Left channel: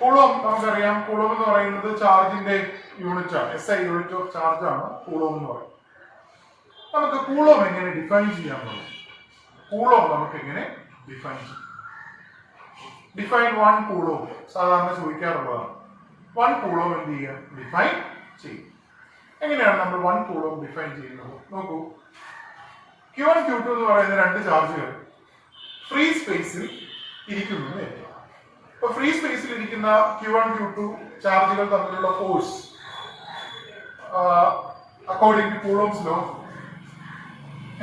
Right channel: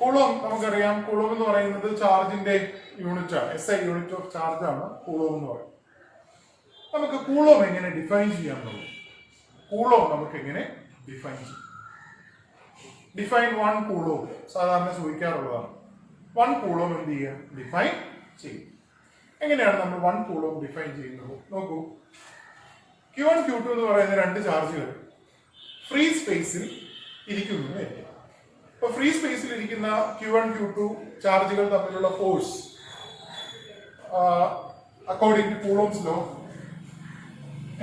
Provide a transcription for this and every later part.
Coulomb നമുക്കറിയാം, coulomb എന്ന് പറയുന്നത് ചാർജിന്റെ യൂണിറ്റ് ആണ്, SI യൂണിറ്റ് ഓഫ് ചാർജ് ആണ് കൂളോം എന്ന് പറയുന്നത്. നമുക്ക് കൂളോം എങ്ങനെ ഡിഫൈൻ ചെയ്യാമെന്നുള്ളത്, കൂളോം നമുക്ക് എങ്ങനെ ഡിഫൈൻ ചെയ്യാം? ഡിഫൈൻ 1 കൂളോം സാധാരണ ചോദിക്കാറുള്ളതാണ്. 1 കൂളോം എന്ത് ചെയ്യുക? ഡിഫൈൻ ചെയ്യും. എങ്ങനെയാണ് നമ്മൾ 1 കൂളോം ഡിഫൈൻ ചെയ്യുന്നത്? നോക്കൂ, Q1 Q2 എന്ന് പറയുന്ന രണ്ട് ചാർജുകൾ ഫ്രീ സ്പേസിൽ ഇരിക്കുന്നു. അപ്പൊ ഫ്രീ സ്പേസിൽ ഇരിക്കുന്ന Q1 Q2 ചാർജുകൾ തമ്മിലുള്ള force according to Coulomb's law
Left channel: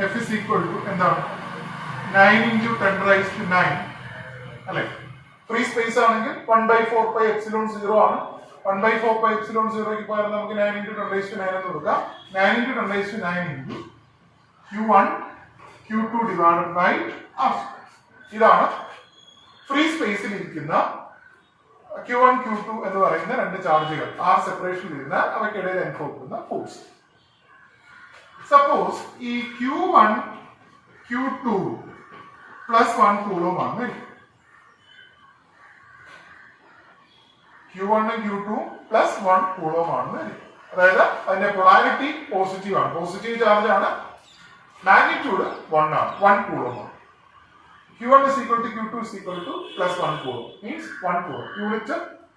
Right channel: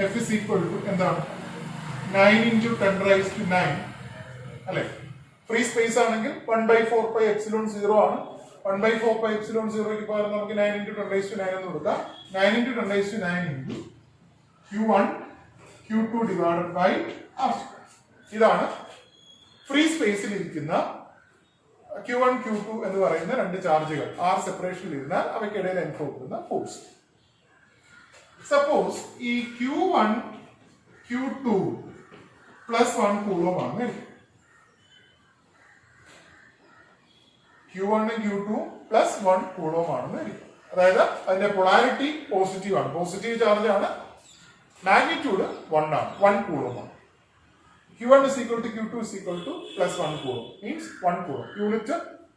F is equal to എന്താണ്? 9 into 10 raised to 9 അല്ലെ? ഫ്രീ സ്പേസ് ആണെങ്കിൽ 1/4πε0 ആണ്. 1/4πε0 പകരം നമുക്ക് 9 into 10 raised to 9 എന്ന് കൊടുക്കാം. 9 into 10 raised to 9 into Q1 Q2 divided by R. ഇതാണ് ഫ്രീ സ്പേസിൽ ഇരിക്കുന്ന Q1 Q2 എന്ന് പറയുന്ന രണ്ട് ചാർജുകൾ R സെപ്പറേഷനിൽ ഇരുന്ന അവയ്ക്കിടയിൽ അനുഭവപ്പെടുന്ന ഫോഴ്സ്. സപ്പോസ് ഈ Q1 Q2 പ്ലസ് 1 കൂളോം ആണ്. Q1 Q2 പ്ലസ് 1 കൂളോം ആണ്. അതായത് അതിന്റെ പൊളാരിറ്റി പോസിറ്റീവ് ആണ്, പോസിറ്റീവ് ചാർജ് ആണ്. മാഗ്നിറ്റ്യൂഡ് 1 ആണ്, 1 കൂളോം ആണ്. Q1 is equal to Q2 is equal to plus 1 coulomb, means 1 coulomb, unit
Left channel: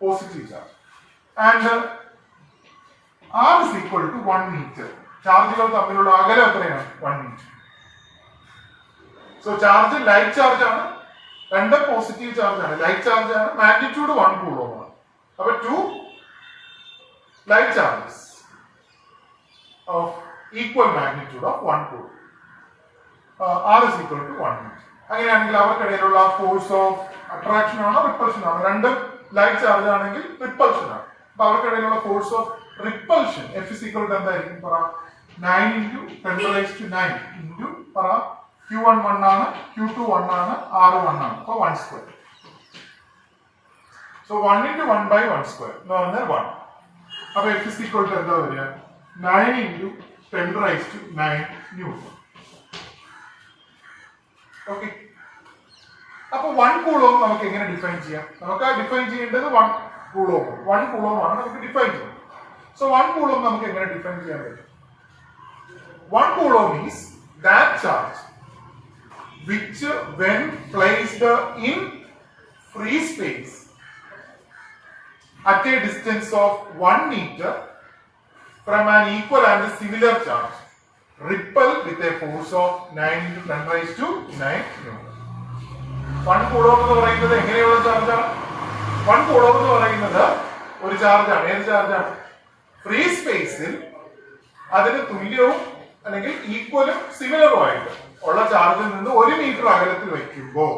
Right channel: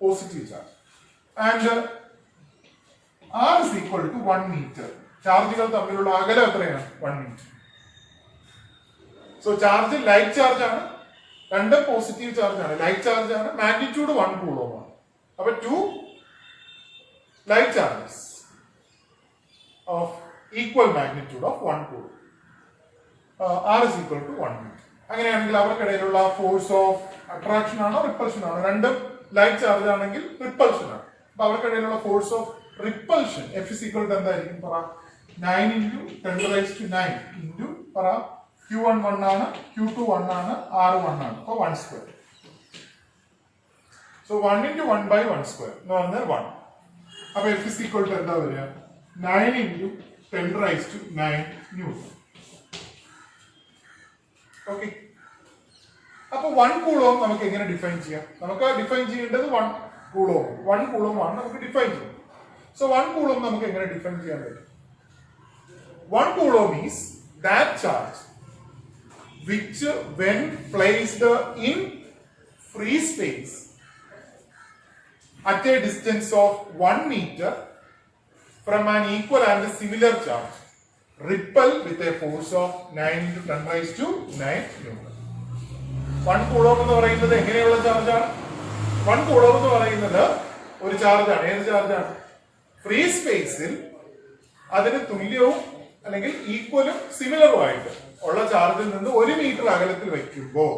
positive charge. And R is equal to 1 meter. ചാർജുകൾ തമ്മിലുള്ള അകലം എത്രയാണ്? 1 meter. So charge like charge ആണ്, രണ്ട് പോസിറ്റീവ് ചാർജ് ആണ്, ലൈറ്റ് ചാർജ് ആണ്, magnitude 1 coulomb ആണ്. അപ്പൊ 2 like charges of equal magnitude of 1 coulomb. R is equal to 1 meter. അങ്ങനെയാണെങ്കിൽ അവർക്കിടയിലുള്ള ഫോഴ്സ് ഓഫ് അട്രാക്ഷൻ ആണോ റിപ്പൾഷൻ ആണോ? രണ്ടും ലൈറ്റ് ചാർജ് ആണെങ്കിൽ റിപ്പൾഷൻ ആണ്. അപ്പൊ അവർക്കിടയിലുള്ള force of repulsion F is equal to എന്തായിരിക്കും? പറ 9 into 10 raised to 9 into പറ Q1 1 ആണ്, Q2 1 ആണ്, R 1 ആണ്. അപ്പൊ 1 square. So 1 into 1 by 1 square എന്ന് പറഞ്ഞാൽ 1. അപ്പൊ F is equal to എന്താ വരിക? 9 into 10 raised to 9 Newton. Okay, അപ്പൊ 1 കൂളോം നമുക്ക് എങ്ങനെ ഡിഫൈൻ ചെയ്യാം? നമുക്ക് ഡിഫൈൻ ചെയ്യേണ്ടത് 1 കൂളോം ആണ് നമുക്ക് ഡിഫൈൻ ചെയ്യാം. സോ 1 കൂളോം നമുക്ക് എങ്ങനെ ഡിഫൈൻ ചെയ്യാൻ പറ്റും? 1 coulomb is that charge which when placed in free space at a distance of 1 meter from an equal and similar charge repel with a force of 9 into 10 raised to 9 Newton. 1 coulomb എന്ന് പറയുന്നത് എങ്ങനെയുള്ള ചാർജാണ്? 1 coulomb എന്ന് പറയുന്നത് ഒരു ചാർജാണ്. ഏത് ചാർജാണ്? Free സ്പേസിൽ അതിന് തുല്യവും അല്ലെങ്കിൽ ഈക്വലും സിമിലറും ആയിട്ട് ഉള്ള ചാർജിൽ നിന്ന് 1 മീറ്റർ അകലത്തിൽ വയ്ക്കുമ്പോൾ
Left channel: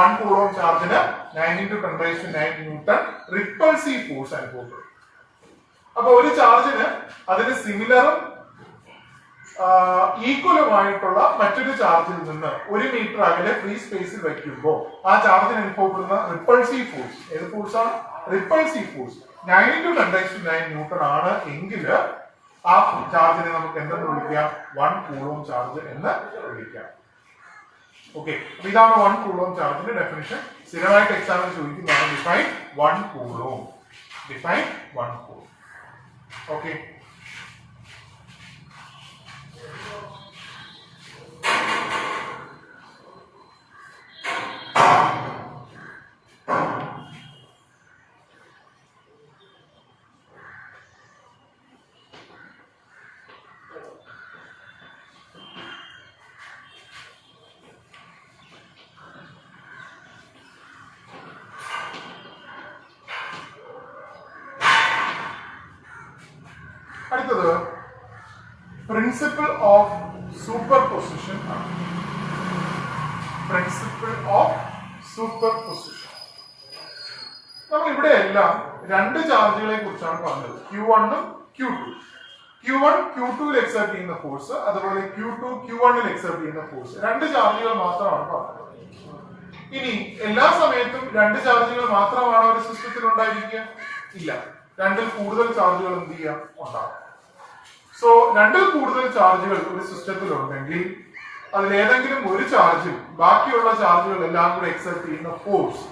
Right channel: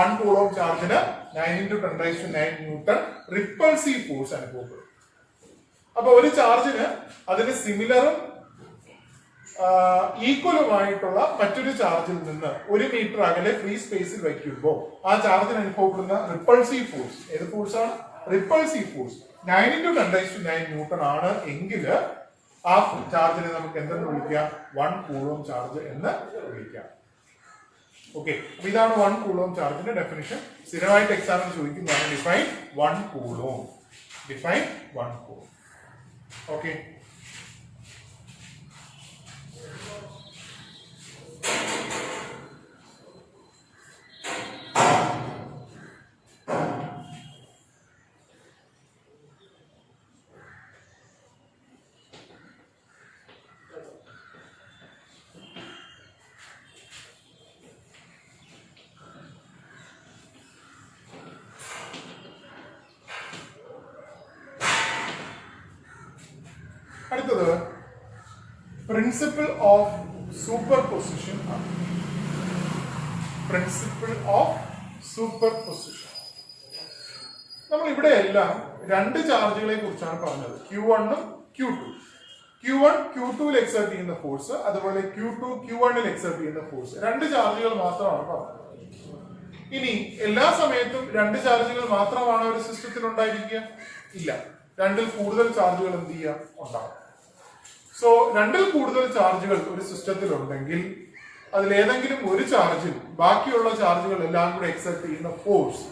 1 coulomb ചാർജിന് 9 into 10 raised to 9 Newton repulsive force അനുഭവപ്പെടും. അപ്പൊ ഒരു ചാർജിന് അതിന് സിമിലറും ഈക്വലുമായിട്ടുള്ള മറ്റൊരു ചാർജിൽ നിന്ന് 1 മീറ്റർ അകലെ ഫ്രീ സ്പേസിൽ വയ്ക്കുമ്പോൾ ആ ചാർജിന് അനുഭവപ്പെടുന്ന റിപ്പൾസീവ് ഫോഴ്സ് ഏത് ഫോഴ്സ് ആണ്? Repulsive force 9 into 10 raised to 9 Newton ആണ് എങ്കിൽ ആ ചാർജിനെ നമുക്ക് എന്തെന്ന് വിളിക്കാം? 1 coulomb ചാർജ് എന്ന് വിളിക്കാം. ഓക്കെ, അപ്പൊ ഇതാണ് 1 coulomb ചാർജിന്റെ ഡെഫിനിഷൻ. സ്ഥിരമായിട്ട് എക്സാമിന് ചോദിക്കുന്നതാണ് define 1 coulomb. Define 1 coulomb. Okay, അടുത്തത് പ്രിൻസിപ്പിൾ ഓഫ് സൂപ്പർപൊസിഷൻ ആണ്. Principle of superposition. നമ്മൾ ഇവിടെ എല്ലാം രണ്ട് ചാർജുകളെ കുറിച്ചാണ് പറഞ്ഞത്, Q1 ഉം Q2. Q1 Q2 എക്സർട്ട് ചെയ്യുന്ന ഫോഴ്സ്, അതുപോലെ Q2 Q1 എക്സർട്ട് ചെയ്യുന്ന ഫോഴ്സ്, രണ്ട് ചാർജുകൾ മാത്രമാണ് പറഞ്ഞത്. ഇനി എല്ലാ സമയത്തും രണ്ട് ചാർജുകൾ മാത്രമാണ് ഒരു സിസ്റ്റത്തിൽ ഉണ്ടായിരിക്കുക? ഇല്ല, രണ്ടിൽ കൂടുതൽ ചാർജുകൾ എന്ത് ചെയ്യാം? ഉണ്ടാകും. സോ രണ്ടിൽ കൂടുതൽ ചാർജുകൾ ഒരു സിസ്റ്റത്തിൽ ഉണ്ടെങ്കിൽ അതിലേതെങ്കിലും ഒരു ചാർജിൽ ബാക്കിയുള്ള ചാർജുകൾ എല്ലാം കൂടെ എക്സർട്ട് ചെയ്യുന്ന ഫോഴ്സ്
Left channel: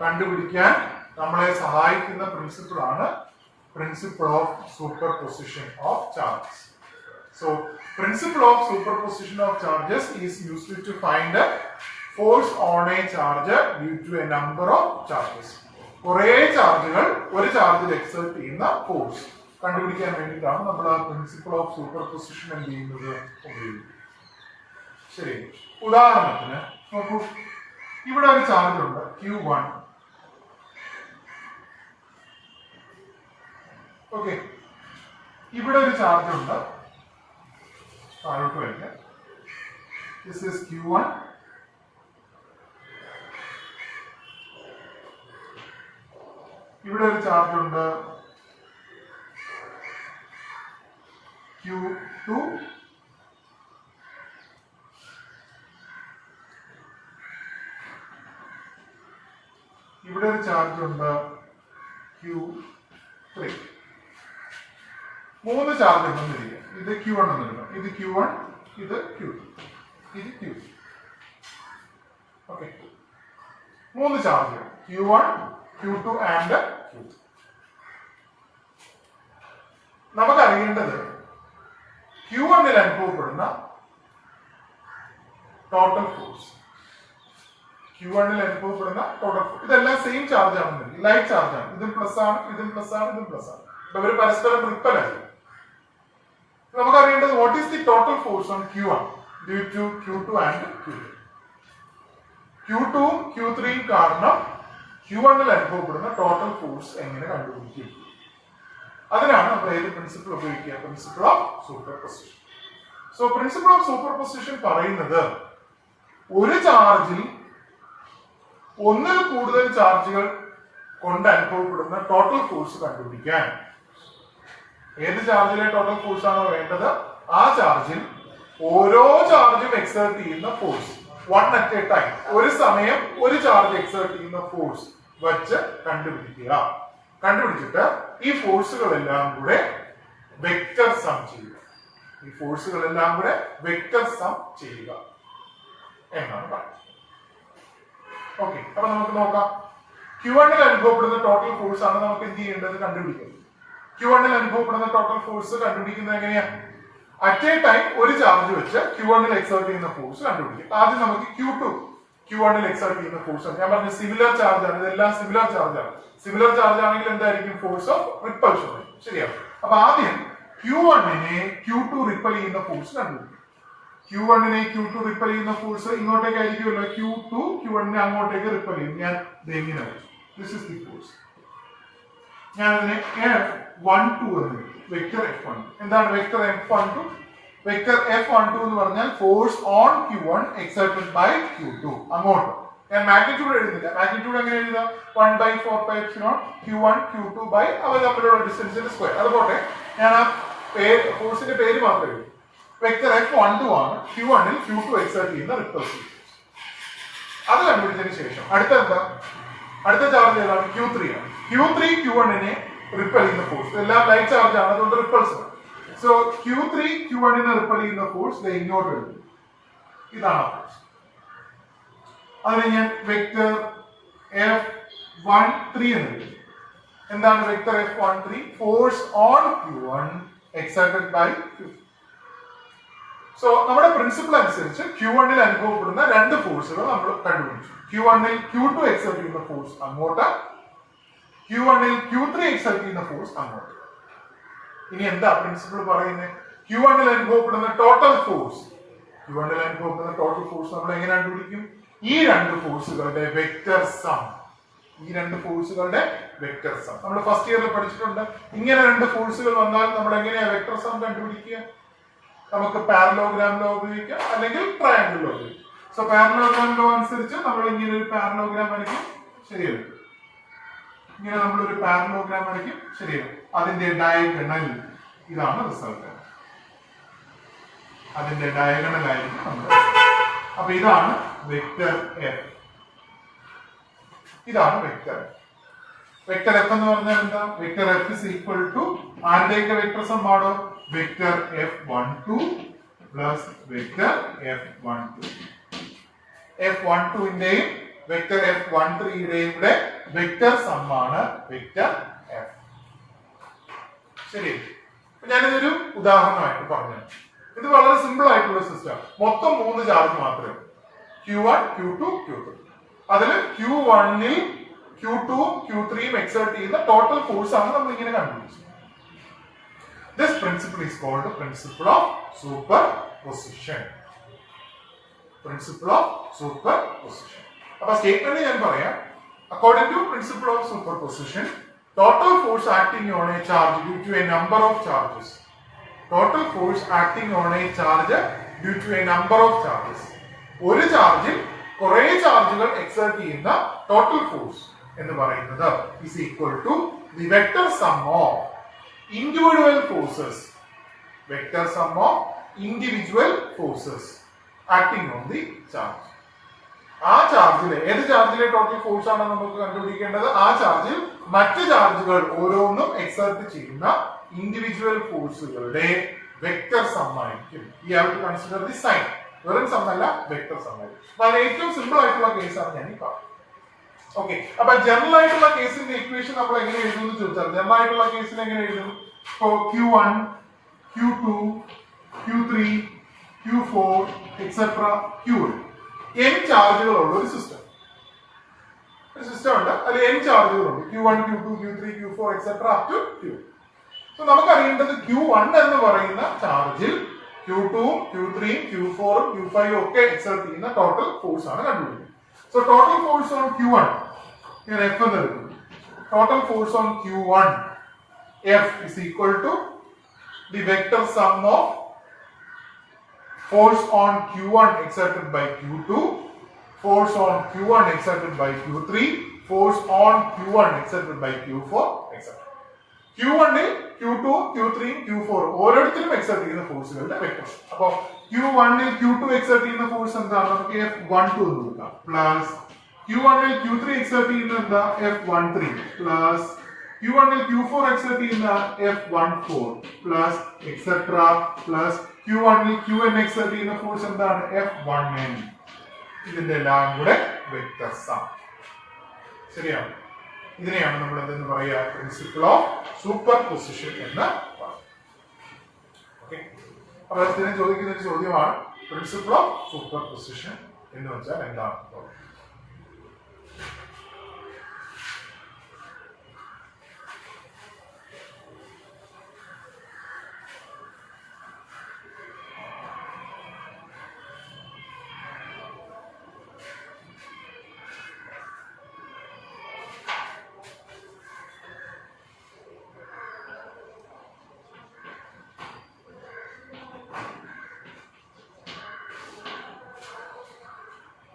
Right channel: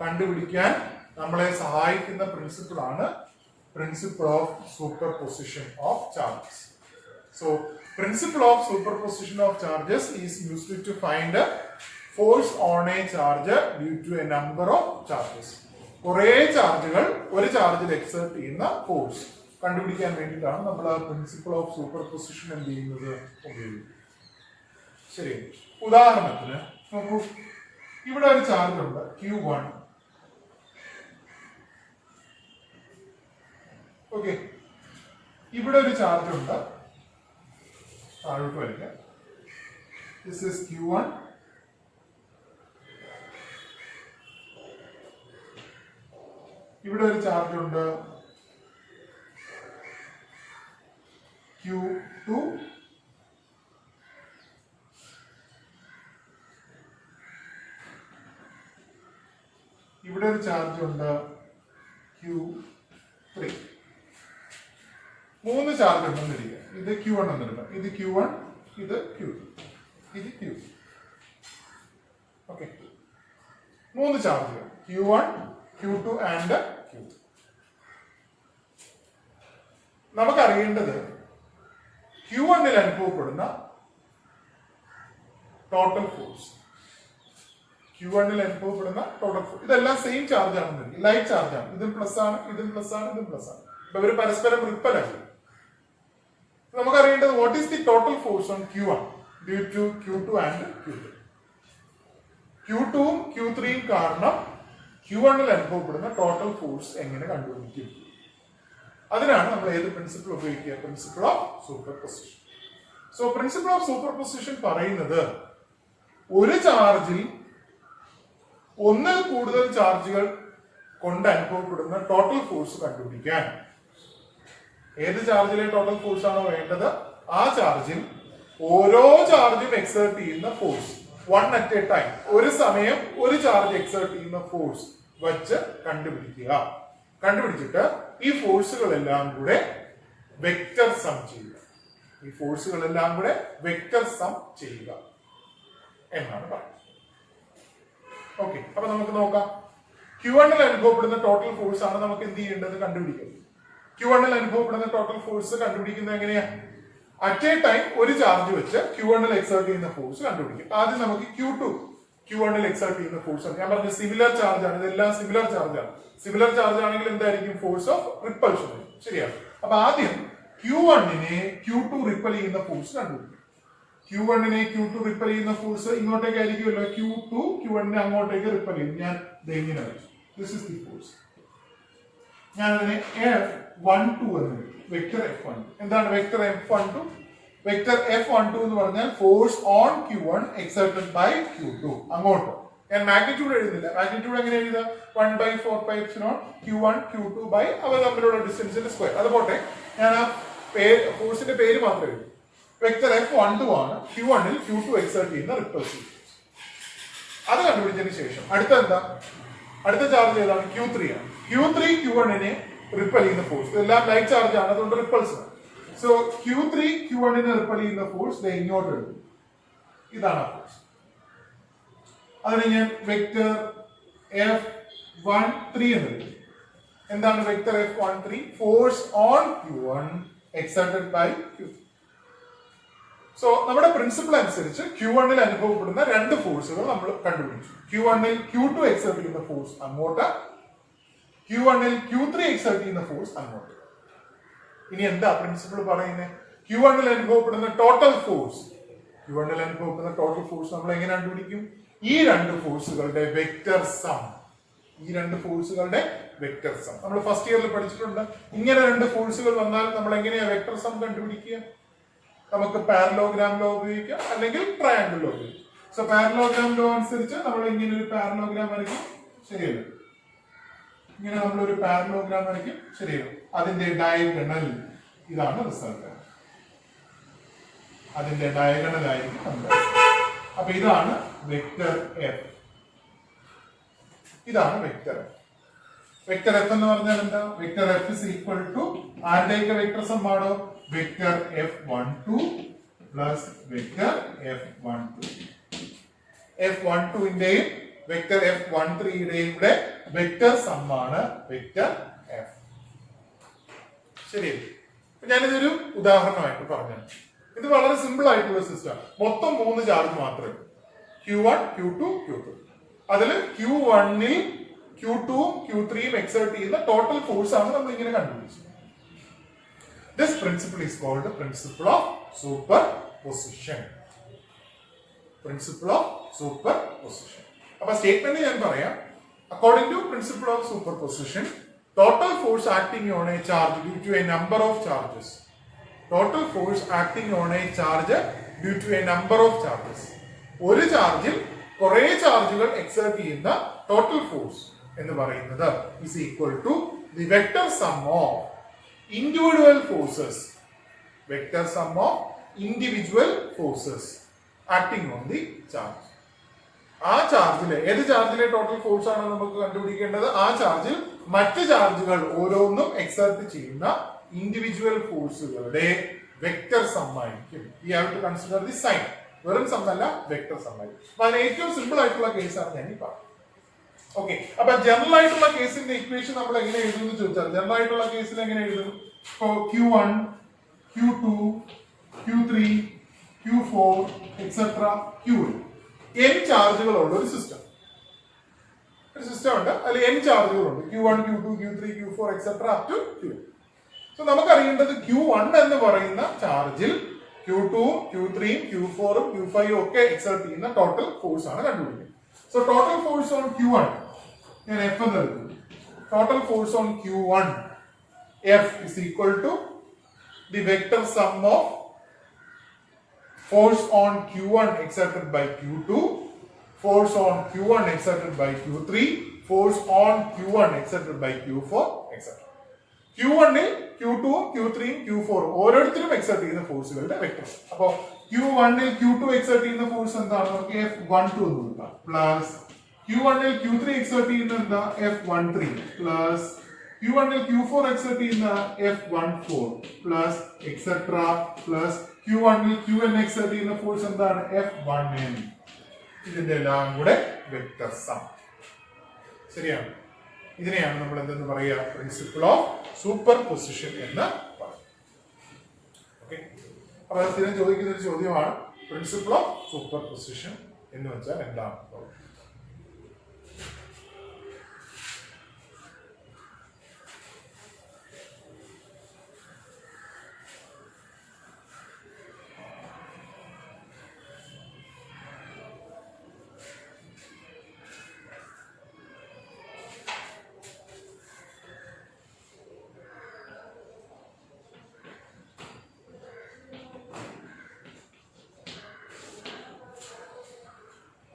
കണ്ടുപിടിക്കാൻ നമ്മളെ സഹായിക്കുന്ന പ്രിൻസിപ്പിൾ ആണ് principle of superposition of charges. So principle of superposition of charges is used to find force on a charge due to a number of charges. കുറേ ചാർജുകൾ ഒരു ചാർജിൽ എക്സേർട്ട് ചെയ്യുന്ന ഫോഴ്സ് കണ്ടുപിടിക്കാൻ വേണ്ടിയിട്ടാണ് നമ്മൾ പ്രിൻസിപ്പിൾ ഓഫ് സൂപ്പർ പൊസിഷൻ എന്ത് ചെയ്യുന്നത് ഉപയോഗിക്കുന്നത്. ശരി, ഉദാഹരണത്തിന് നോക്കൂ, ഇവിടെ ഒരു ചാർജ് ഉണ്ട് Q1. ഓക്കെ, ഇവിടെ ഒരു ചാർജ് ഉണ്ട്, താഴോട്ട് വരിക. This is Q1. ഇവിടെ ഒരു ചാർജ് ഉണ്ട് Q2. ഇവിടെ ഒരു ചാർജ് ഉണ്ട് Q3. 3 ചാർജ് ഉണ്ടെന്ന് ഇരിക്കുക. ഇത് Q1 എന്നെടുക്കാം, ഇത് Q1, ഇത് Q2, ഇത് Q3. ഓക്കെ, 3 ചാർജുകൾ Q1, Q2 and Q3. നമുക്കറിയേണ്ടത് Q1 അനുഭവപ്പെടുന്ന ടോട്ടൽ ഫോഴ്സ്. Q1 അനുഭവപ്പെടുന്ന ടോട്ടൽ ഫോഴ്സ്. ഇതെല്ലാം സെയിം ചാർജ് ആണെന്ന്, ലൈറ്റ് ചാർജ് ആണ്. ഇതും പ്ലസ് ആണ്, ഇതും പ്ലസ് ആണ്, ഇതും പ്ലസ് ആണ്. അപ്പൊ ഇവർ പരസ്പരം റിപ്പൽ അല്ല. നമുക്കറിയേണ്ടത് what is the total force on Q1 due to Q2 and Q3. Q2 Q3 കാരണം Q1 അനുഭവപ്പെടുന്ന ടോട്ടൽ ഫോഴ്സ് എങ്ങനെ കണ്ടുപിടിക്കും? അതിനാണ് നമ്മൾ ഏത് പ്രിൻസിപ്പിൾ ഉപയോഗിക്കുക? Principle of super position. So principle of super position പറയുന്നത് ഒരു ചാർജിൽ ഒന്നിൽ കൂടുതൽ ചാർജുകൾ കൊണ്ട് അനുഭവപ്പെടുന്ന ടോട്ടൽ ഫോഴ്സ് കണ്ടുപിടിക്കാൻ ഏത് ചാർജിലെ ടോട്ടൽ ഫോഴ്സ് ആണോ വേണ്ടത്, ആ ചാർജിൽ ഓരോ ചാർജും എക്സേർട്ട് ചെയ്യുന്ന force, one at A time, ഒരു സമയം ഒരു ചാർജ് എക്സേർട്ട് ചെയ്യുന്ന ഫോഴ്സ് വച്ച് കണ്ടുപിടിക്കുക. കണ്ടുപിടിച്ചിട്ട് ഈ ഫോഴ്സുകളെല്ലാം കൂടെ വെക്റ്റർ സം ചെയ്യുക. ഈ ഫോഴ്സുകളെല്ലാം കൂടെ വെക്റ്റർ സം ചെയ്യുക എന്നാണ് പറയുന്നത്. ഓക്കെ, അപ്പൊ നമുക്ക് നോക്കാം. Q1 അനുഭവപ്പെടുന്ന ടോട്ടൽ ഫോഴ്സ് ആണ് നമുക്ക് എന്ത് ചെയ്യേണ്ടത്? കണ്ടുപിടിക്കുന്നത്. Q1 അനുഭവപ്പെടുന്ന ടോട്ടൽ ഫോഴ്സ് കണ്ടുപിടിക്കുന്നത് എങ്ങനെയാ? അറ്റ് എ ടൈം ഒരു ചാർജ് വെച്ച് Q1 എക്സേർട്ട് ചെയ്യുന്ന ഫോഴ്സ് കണ്ടുപിടിക്കും. ആദ്യം നമുക്ക് Q1 എക്സേർട്ട് ചെയ്യുന്ന ഫോഴ്സ് ആണ്. ഞാൻ പറഞ്ഞ സിമിലർ ചാർജ് ആണ്, ഇതെല്ലാം സിമിലർ ചാർജ് ആണ്. സിമിലർ ചാർജ് ആണെങ്കിൽ എന്തായിരിക്കും? Force of repulsion. ശരിയാണ്. അപ്പൊ ആദ്യം Q1 Q2 റിപ്പൽ ചെയ്യുന്ന ഫോഴ്സ് കണ്ടുപിടിക്കും. Q1 Q2 റിപ്പൽ ചെയ്യുന്ന ഫോഴ്സ് ഇങ്ങോട്ടേക്ക് ആയിരിക്കുമല്ലോ. Q2 Q1 അങ്ങോട്ടേക്ക് റിപ്പൽ ചെയ്യും. ഞാൻ ഇങ്ങനെ വരും. This is the force. ഞാൻ അതിനെ F12 എന്ന് വിളിക്കും. Vector F12. എന്താണ് വെക്ടർ F12? വെക്ടർ F12 എന്ന് പറഞ്ഞാൽ force on Q1 exerted by Q2. അങ്ങോട്ട് ഞാൻ മാഗ്നിറ്റ്യൂഡ് എഴുതുന്നില്ല. മാഗ്നിറ്റ്യൂഡ് എങ്ങനെ എഴുതുക? 1/4πε Q1 Q2 ബൈ അവ തമ്മിലുള്ള ഡിസ്റ്റൻസിന്റെ സ്ക്വയർ. അതുപോലെ ഞാൻ ആ ഫോഴ്സിന്റെ പേര് മാത്രമേ എഴുതും. വെക്ടർ F12 ആണ് Q1 Q2 എക്സേർട്ട് ചെയ്യുന്ന റിപ്പൾസീവ് ഫോഴ്സ്. അത് കണ്ടുപിടിച്ചതിന് ശേഷം അടുത്ത ചാർജ് ഏതാണ്? Q3 ആണ്. Q3 Q1 റിപ്പൽ ചെയ്യുന്ന ഫോഴ്സ്. ഇതെല്ലാം ലൈറ്റ് ചാർജ് ആണ്, അതുകൊണ്ട് റിപ്പൾസ് ആണ്. സോ Q3 Q1 റിപ്പൽ ചെയ്യുന്ന ഫോഴ്സ് ഇങ്ങോട്ട് എഴുതും. ഇതാണ് ആ ഫോഴ്സ്. അതിന് ഞാൻ വെക്ടർ F13 എന്ന് എഴുതും. എന്താണ് vector F13? Force on Q1 exerted by Q3. So നമ്മുടെ പ്രിൻസിപ്പിൾ അനുസരിച്ച് Q1 അനുഭവപ്പെടുന്ന രണ്ട് ഫോഴ്സുകൾ നമ്മൾ കണ്ടുപിടിച്ചു. Q1 Q2 എക്സേർട്ട് ചെയ്യുന്ന ഫോഴ്സ് അങ്ങോട്ട്, Q1 Q3 എക്സേർട്ട് ചെയ്യുന്ന ഫോഴ്സ് അങ്ങോട്ട്. ഇനി എന്താ പ്രിൻസിപ്പിൾ പറയുന്നത്? Q1 അനുഭവപ്പെടുന്ന ടോട്ടൽ ഫോഴ്സ് നമ്മൾ എങ്ങനെ കണ്ടുപിടിക്കും? ഈ രണ്ട് ഫോഴ്സുകളുടെ വെക്റ്റർ സം. നമ്മൾ ഫസ്റ്റ് ഇയറിൽ പഠിച്ചിട്ടുണ്ട്. ഇങ്ങനെ രണ്ട് ഫോഴ്സുകൾ വന്നാൽ നമ്മൾ എങ്ങനെയാ വെക്റ്റർ സം കണ്ടുപിടിക്കുക? നമുക്ക് പാരലോഗ്രാം ലോ ഉപയോഗിക്കാം, അല്ലെങ്കിൽ ട്രയാങ്കിൾ ലോ ഉപയോഗിക്കാം. സോ പാരലോഗ്രാം ലോ അനുസരിച്ച് നമ്മൾ ഇങ്ങനെ ഒരു പാരലോഗ്രാം വരയ്ക്കും. ശരിയല്ല? ഇങ്ങനെ നമ്മളൊരു പാരലോഗ്രാം വരയ്ക്കും. ശരിയല്ല? അതിന്റെ ഡയഗണൽ ഇതാണ് റിസൾട്ട്. അതിന്റെ ഡയഗണൽ ആയിരിക്കും നമ്മൾ. അപ്പൊ ഇതാണ് വെക്ടർ F. ഇതാണ് വെക്ടർ F. വെക്ടർ F എന്ന് പറഞ്ഞാൽ എന്താ? Vector F is equal to ആരുടെയൊക്കെ വെക്ടർ സം ആണോ? Vector F12 plus vector F12. F12 ന്റെയും വെക്ടർ F13 യുടെയും കൂടെ വെക്റ്റർ സം ആണ് വെക്റ്റർ എഫ്. ശരി, ഞാനിതൊരു ഉദാഹരണമായിട്ട് പറഞ്ഞു. ഇത് വളരെ സിമ്പിൾ ആയിട്ടുള്ള സിസ്റ്റം. മൊത്തം 3 ചാർജ് മാത്രമേ Q1, Q2, Q3. അതിൽ Q1ൽ Q2 Q3 എക്സേർട്ട് ചെയ്യുന്ന ടോട്ടൽ ഫോഴ്സ് ആണ് നമ്മൾ ഇങ്ങനെ കണ്ടുപിടിച്ചത്. This principle is called the principle of superposition. Principle of superposition. അപ്പോൾ സ്റ്റേറ്റ്മെന്റ് ഞാൻ പറയാം. According to principle of superposition, total force acting on a charge due to a number of charges. Total force acting on a charge due to a number of charges. ഒരു ചാർജിൽ കുറെ ചാർജുകൾ exert ചെയ്യുന്ന total force എന്ന് പറയുന്നത് is equal to the vector sum of individual forces. Vector sum of individual forces acting on the charge. ആ ചാർജിലെ ഏത് ചാർജിലെ total force ആണ് നമുക്ക് കണ്ടുപിടിക്കേണ്ടത്? ആ ചാർജിൽ മറ്റ് ചാർജുകൾ ഓരോന്നും എക്സേർട്ട് ചെയ്യുന്ന ഇൻഡിവിജ്വൽ ഫോഴ്സുകളുടെ വെക്റ്റർ സം ആയിരിക്കും. ഈ have to consider the sign. വെറും സം അല്ല, വെക്റ്റർ സം ആയിരിക്കും. അപ്പൊ അതിന് ഏറ്റവും സിമ്പിൾ ആയിട്ടുള്ള കേസാണ് ഞാൻ ഈ പറഞ്ഞത്. ഓക്കെ, അപ്പൊ ജനറൽ ആയിട്ടുള്ള കേസിന്റെ ഇക്വേഷൻ നമ്മൾ എങ്ങനെ എഴുതും എന്ന് ചോദിച്ചാൽ ജനറൽ ആയിട്ടുള്ള കേസിൽ എങ്ങനെ എഴുതും? ഇപ്പോ Q1, Q2, Q3, Q4 etcetera Qn n ചാർജുകളുള്ള ഒരു സിസ്റ്റം ഉണ്ട്. അതിൽ n ചാർജുകളുണ്ട്. Q1, Q2, Q3, Q4 etcetera up to Q. So നമുക്ക് അറിയേണ്ടത് Q1 എന്ന് പറയുന്ന ചാർജിൽ Q2, Q3, Q4, Q5 ഒക്കെ എക്സെർട്ട് ചെയ്യുന്ന ടോട്ടൽ ഫോഴ്സ് ആണ് കണ്ടുപിടിക്കുന്നത്. So total force on Q1 ഞാൻ F എന്ന് എടുക്കുന്നു. Total force on Q1 F is equal to the vector sum of force on Q1 exerted by Q2, force on Q1 exerted by Q3, force on Q1 exerted by Q4, etc. Q1 ൽ Q2, Q3, Q4 ഓരോരുത്തരും exert ചെയ്യുന്ന ഫോഴ്സുകളുടെ vector. അപ്പോൾ Q1 ൽ Q2 exert ചെയ്യുന്ന force എന്താണ്? നമുക്ക് F12 എന്ന് കൊടുക്കാം. പ്ലസ് Q1 ൽ Q3 എക്സെർട്ട് ചെയ്യുന്ന എന്താ? F13 പ്ലസ് Q1 ൽ Q4 എക്സെർട്ട് ചെയ്യുന്ന F14 plus etcetera plus Q1 ൽ Qn എക്സെർട്ട് ചെയ്യുന്ന ഫോഴ്സ് എന്താണ്? F1n. ഇതിന്റെ എല്ലാം കൂടെ വെക്റ്റർ സം. ശരിയാണ്. ഇതിനെയാണ് നമ്മൾ എന്തെന്ന് പറയുക? പ്രിൻസിപ്പിൾ ഓഫ് സൂപ്പർ പൊസിഷൻ എന്ന് പറയുന്നത്. ഓക്കെ, അപ്പോൾ ഇതിനെ ചോദിക്കുന്ന ഒരു ചോദ്യമാണ് പ്രിൻസിപ്പിൾ ഓഫ് സൂപ്പർ പൊസിഷൻ എന്ന് വെച്ചാൽ എന്താണ്?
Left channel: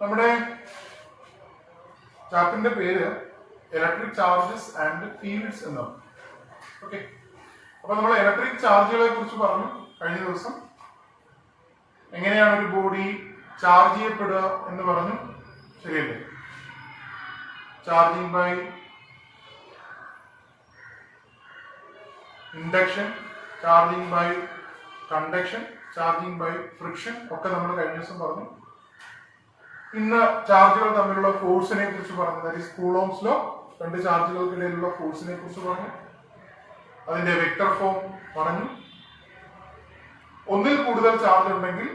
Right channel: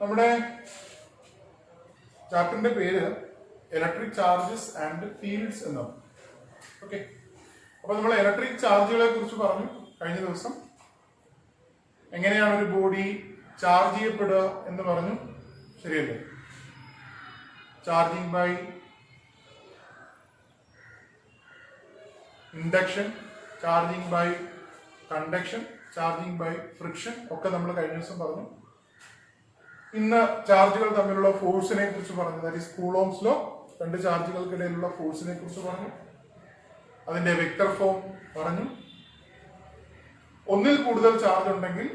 നമ്മുടെ ചാപ്റ്ററിന്റെ പേര് ഇലക്ട്രിക് ചാർജസ് ആൻഡ് ഫീൽഡ്സ് എന്നാണ്. ഓക്കെ, അപ്പൊ നമ്മൾ ഇലക്ട്രിക് ചാർജുകളെ കുറിച്ച് പറഞ്ഞു കഴിഞ്ഞ ദിവസം. എങ്ങനെയാണ് ഒരു ബോഡി ചാർജ് ചെയ്യപ്പെടുക എന്ന് പറഞ്ഞു, ശരിയല്ലേ? Charging by induction, charging by conduction, charging by friction ഒക്കെ നമ്മൾ കഴിഞ്ഞ ദിവസം പറഞ്ഞു. ഇന്ന് ചാർജുകൾ തമ്മിലുള്ള ഫോഴ്സിനെ കുറിച്ച് പറഞ്ഞു. That is coulombs law. രണ്ട് ചാർജുകൾക്കിടയിലുള്ള ഫോഴ്സിനെ കുറിച്ച് പറഞ്ഞു. അതിന്റെ വെക്റ്റർ ഫോം പറഞ്ഞു. ഒന്നിൽ കൂടുതൽ ചാർജ് ഉണ്ടെങ്കിൽ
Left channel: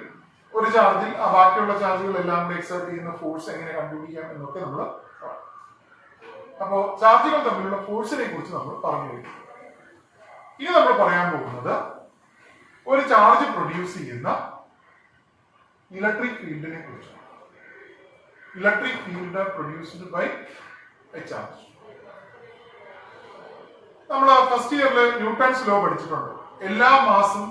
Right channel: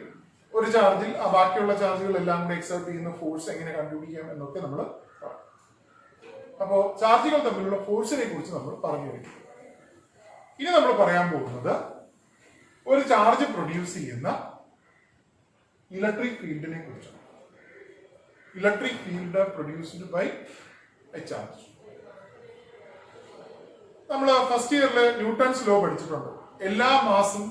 ഒരു ചാർജിൽ ആ ബാക്കിയുള്ള ചാർജുകൾ എല്ലാം കൂടെ എക്സെർട്ട് ചെയ്യുന്ന ഫോഴ്സ് എങ്ങനെ കണ്ടുപിടിക്കാം എന്നൊക്കെ നമ്മൾ പറഞ്ഞു. അപ്പോൾ ചാർജുകൾ തമ്മിലുള്ള ഫോഴ്സിനെ കുറിച്ച് നമ്മൾ പറഞ്ഞു കഴിഞ്ഞു. ഇനി നമ്മൾ പറയാൻ പോകുന്നത് ഒരു ചാർജ് പ്രൊഡ്യൂസ് ചെയ്യുന്ന ഇലക്ട്രിക് ഫീൽഡിനെ കുറിച്ചാണ്. Electric field produced by a charge. നമ്മൾ ഫസ്റ്റ് ഇയറിൽ ന്യൂട്ടൺസ് ലോ പഠിച്ചിട്ടുണ്ട്. എല്ലാ മാസും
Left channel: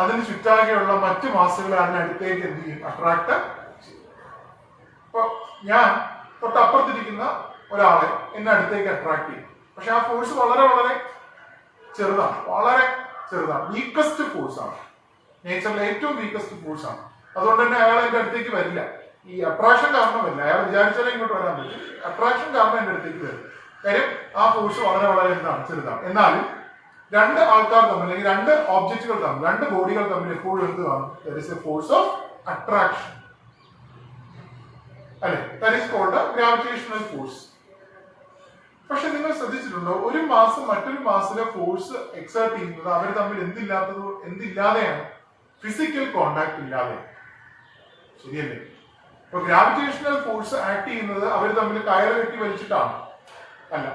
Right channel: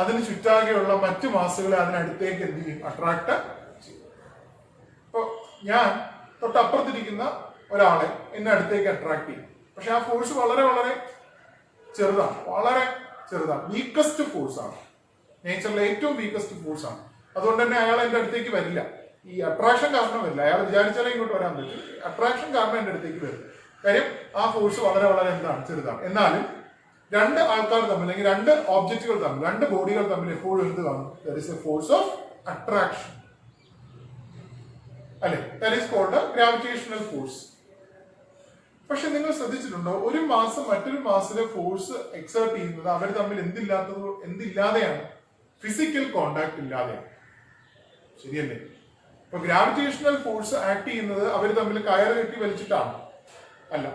അതിന് ചുറ്റാകെയുള്ള മറ്റു മാസുകളെ അതിനടുത്തേക്ക് എന്ത് ചെയ്യും? അട്രാക്ട് ചെയ്യും. അപ്പൊ ഞാൻ തൊട്ടപ്പുറത്തിരിക്കുന്ന ഒരാളെ എന്നെ അടുത്തേക്ക് അട്രാക്ട് ചെയ്യും. പക്ഷെ ആ ഫോഴ്സ് വളരെ വളരെ ചെറുതാണ്, വളരെ ചെറുതാണ്. വീക്കസ്റ്റ് ഫോഴ്സ് ആണ്, നേച്ചറിലെ ഏറ്റവും വീക്കസ്റ്റ് ഫോഴ്സ് ആണ്. അതുകൊണ്ട് തന്നെ അയാൾ എൻ്റെ അടുത്തേക്ക് വരില്ല. ഈ അട്രാക്ഷൻ കാരണമല്ല, അയാൾ വിചാരിച്ചാലേ ഇങ്ങോട്ട് വരാൻ പറ്റും. അട്രാക്ഷൻ കാരണം എൻ്റെ അടുത്തേക്ക് വരും. കാര്യം ആ ഫോഴ്സ് വളരെ വളരെ എന്താണ്? ചെറുതാണ്. എന്നാലും രണ്ട് ആൾക്കാർ തമ്മിൽ അല്ലെങ്കിൽ രണ്ട് ഓബ്ജക്റ്റുകൾ തമ്മിൽ, രണ്ട് ബോഡികൾ തമ്മിൽ എപ്പോഴും എന്ത് കാണും? That is a force of attraction, അല്ലെ? That is called gravitational force. പക്ഷെ നിങ്ങൾ ശ്രദ്ധിച്ചിട്ടുണ്ടോ, ഒരു മാസം മറ്റൊരു മാസത്തിലെ ഫോഴ്സ് എക്സേർട്ട് ചെയ്യുന്നത് അവർ തമ്മിൽ എന്തില്ലാതെയാണ്? ഫിസിക്കൽ കോണ്ടാക്ട് ഇല്ലാതെ. ശരിയല്ലേ? ഇപ്പൊ ഗ്രാവിറ്റേഷണൽ ഫോഴ്സ് ആക്ട് ചെയ്യുന്നത് അവർ തമ്മിൽ കയറ് കെട്ടി വലിച്ചിട്ടാണ്? അല്ല.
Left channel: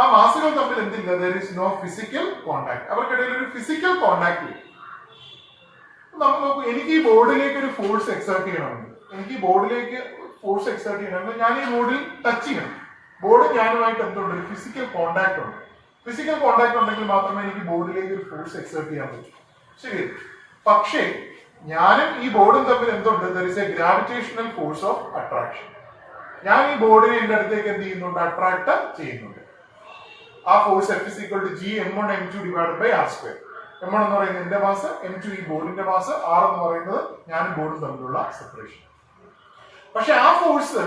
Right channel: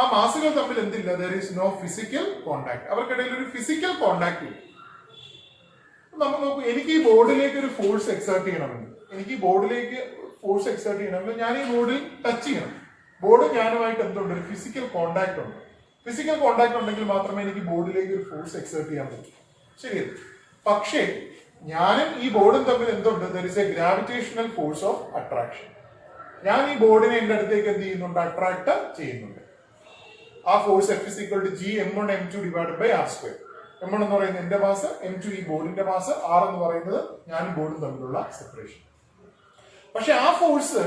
ആ മാസുകൾ തമ്മിൽ എന്തില്ല? There is no physical contact. അവർക്കിടയിൽ ഒരു ഫിസിക്കൽ കോണ്ടാക്ട് ഇല്ല. നമ്മൾ നോക്കും, എനിക്ക് ഈ ബോർഡിലേക്ക് ഒരു ഫോഴ്സ് എക്സേർട്ട് ചെയ്യണമെങ്കിൽ, ഞാൻ ഈ ബോർഡിൽ ടച്ച് ചെയ്യണം. ബോർഡ് ഞാനുമായിട്ട് എന്തുണ്ട്? ഒരു ഫിസിക്കൽ കോണ്ടാക്ട് ഉണ്ട്. ഫിസിക്കൽ കോണ്ടാക്ട് ഉണ്ടെങ്കിൽ മാത്രമേ എനിക്ക് ബോർഡിലേക്ക് ഒരു ഫോഴ്സ് എക്സേർട്ട് ചെയ്യാൻ പറ്റൂ. ശരി. പക്ഷേ ഞാനും ഈ ബോർഡും തമ്മിൽ എന്തുണ്ട്? There is A gravitational force of attraction. ഞാൻ ഈ ബോർഡിനെ എന്റെ അടുത്തേക്ക് എന്ത് ചെയ്യുന്നുണ്ട്? അട്രാക്ട് ചെയ്യുന്നുണ്ട്. ആ force F = G(m1 m2) / r². m1 എന്ന് പറയുന്നത് എന്റെ മാസ്, m2 ഈ ബോർഡിന്റെ മാസ്, r എന്ന് പറയുന്നത് ഞാനും ബോർഡും തമ്മിലുള്ള സെപ്പറേഷൻ. പക്ഷെ ആ ഫോഴ്സ്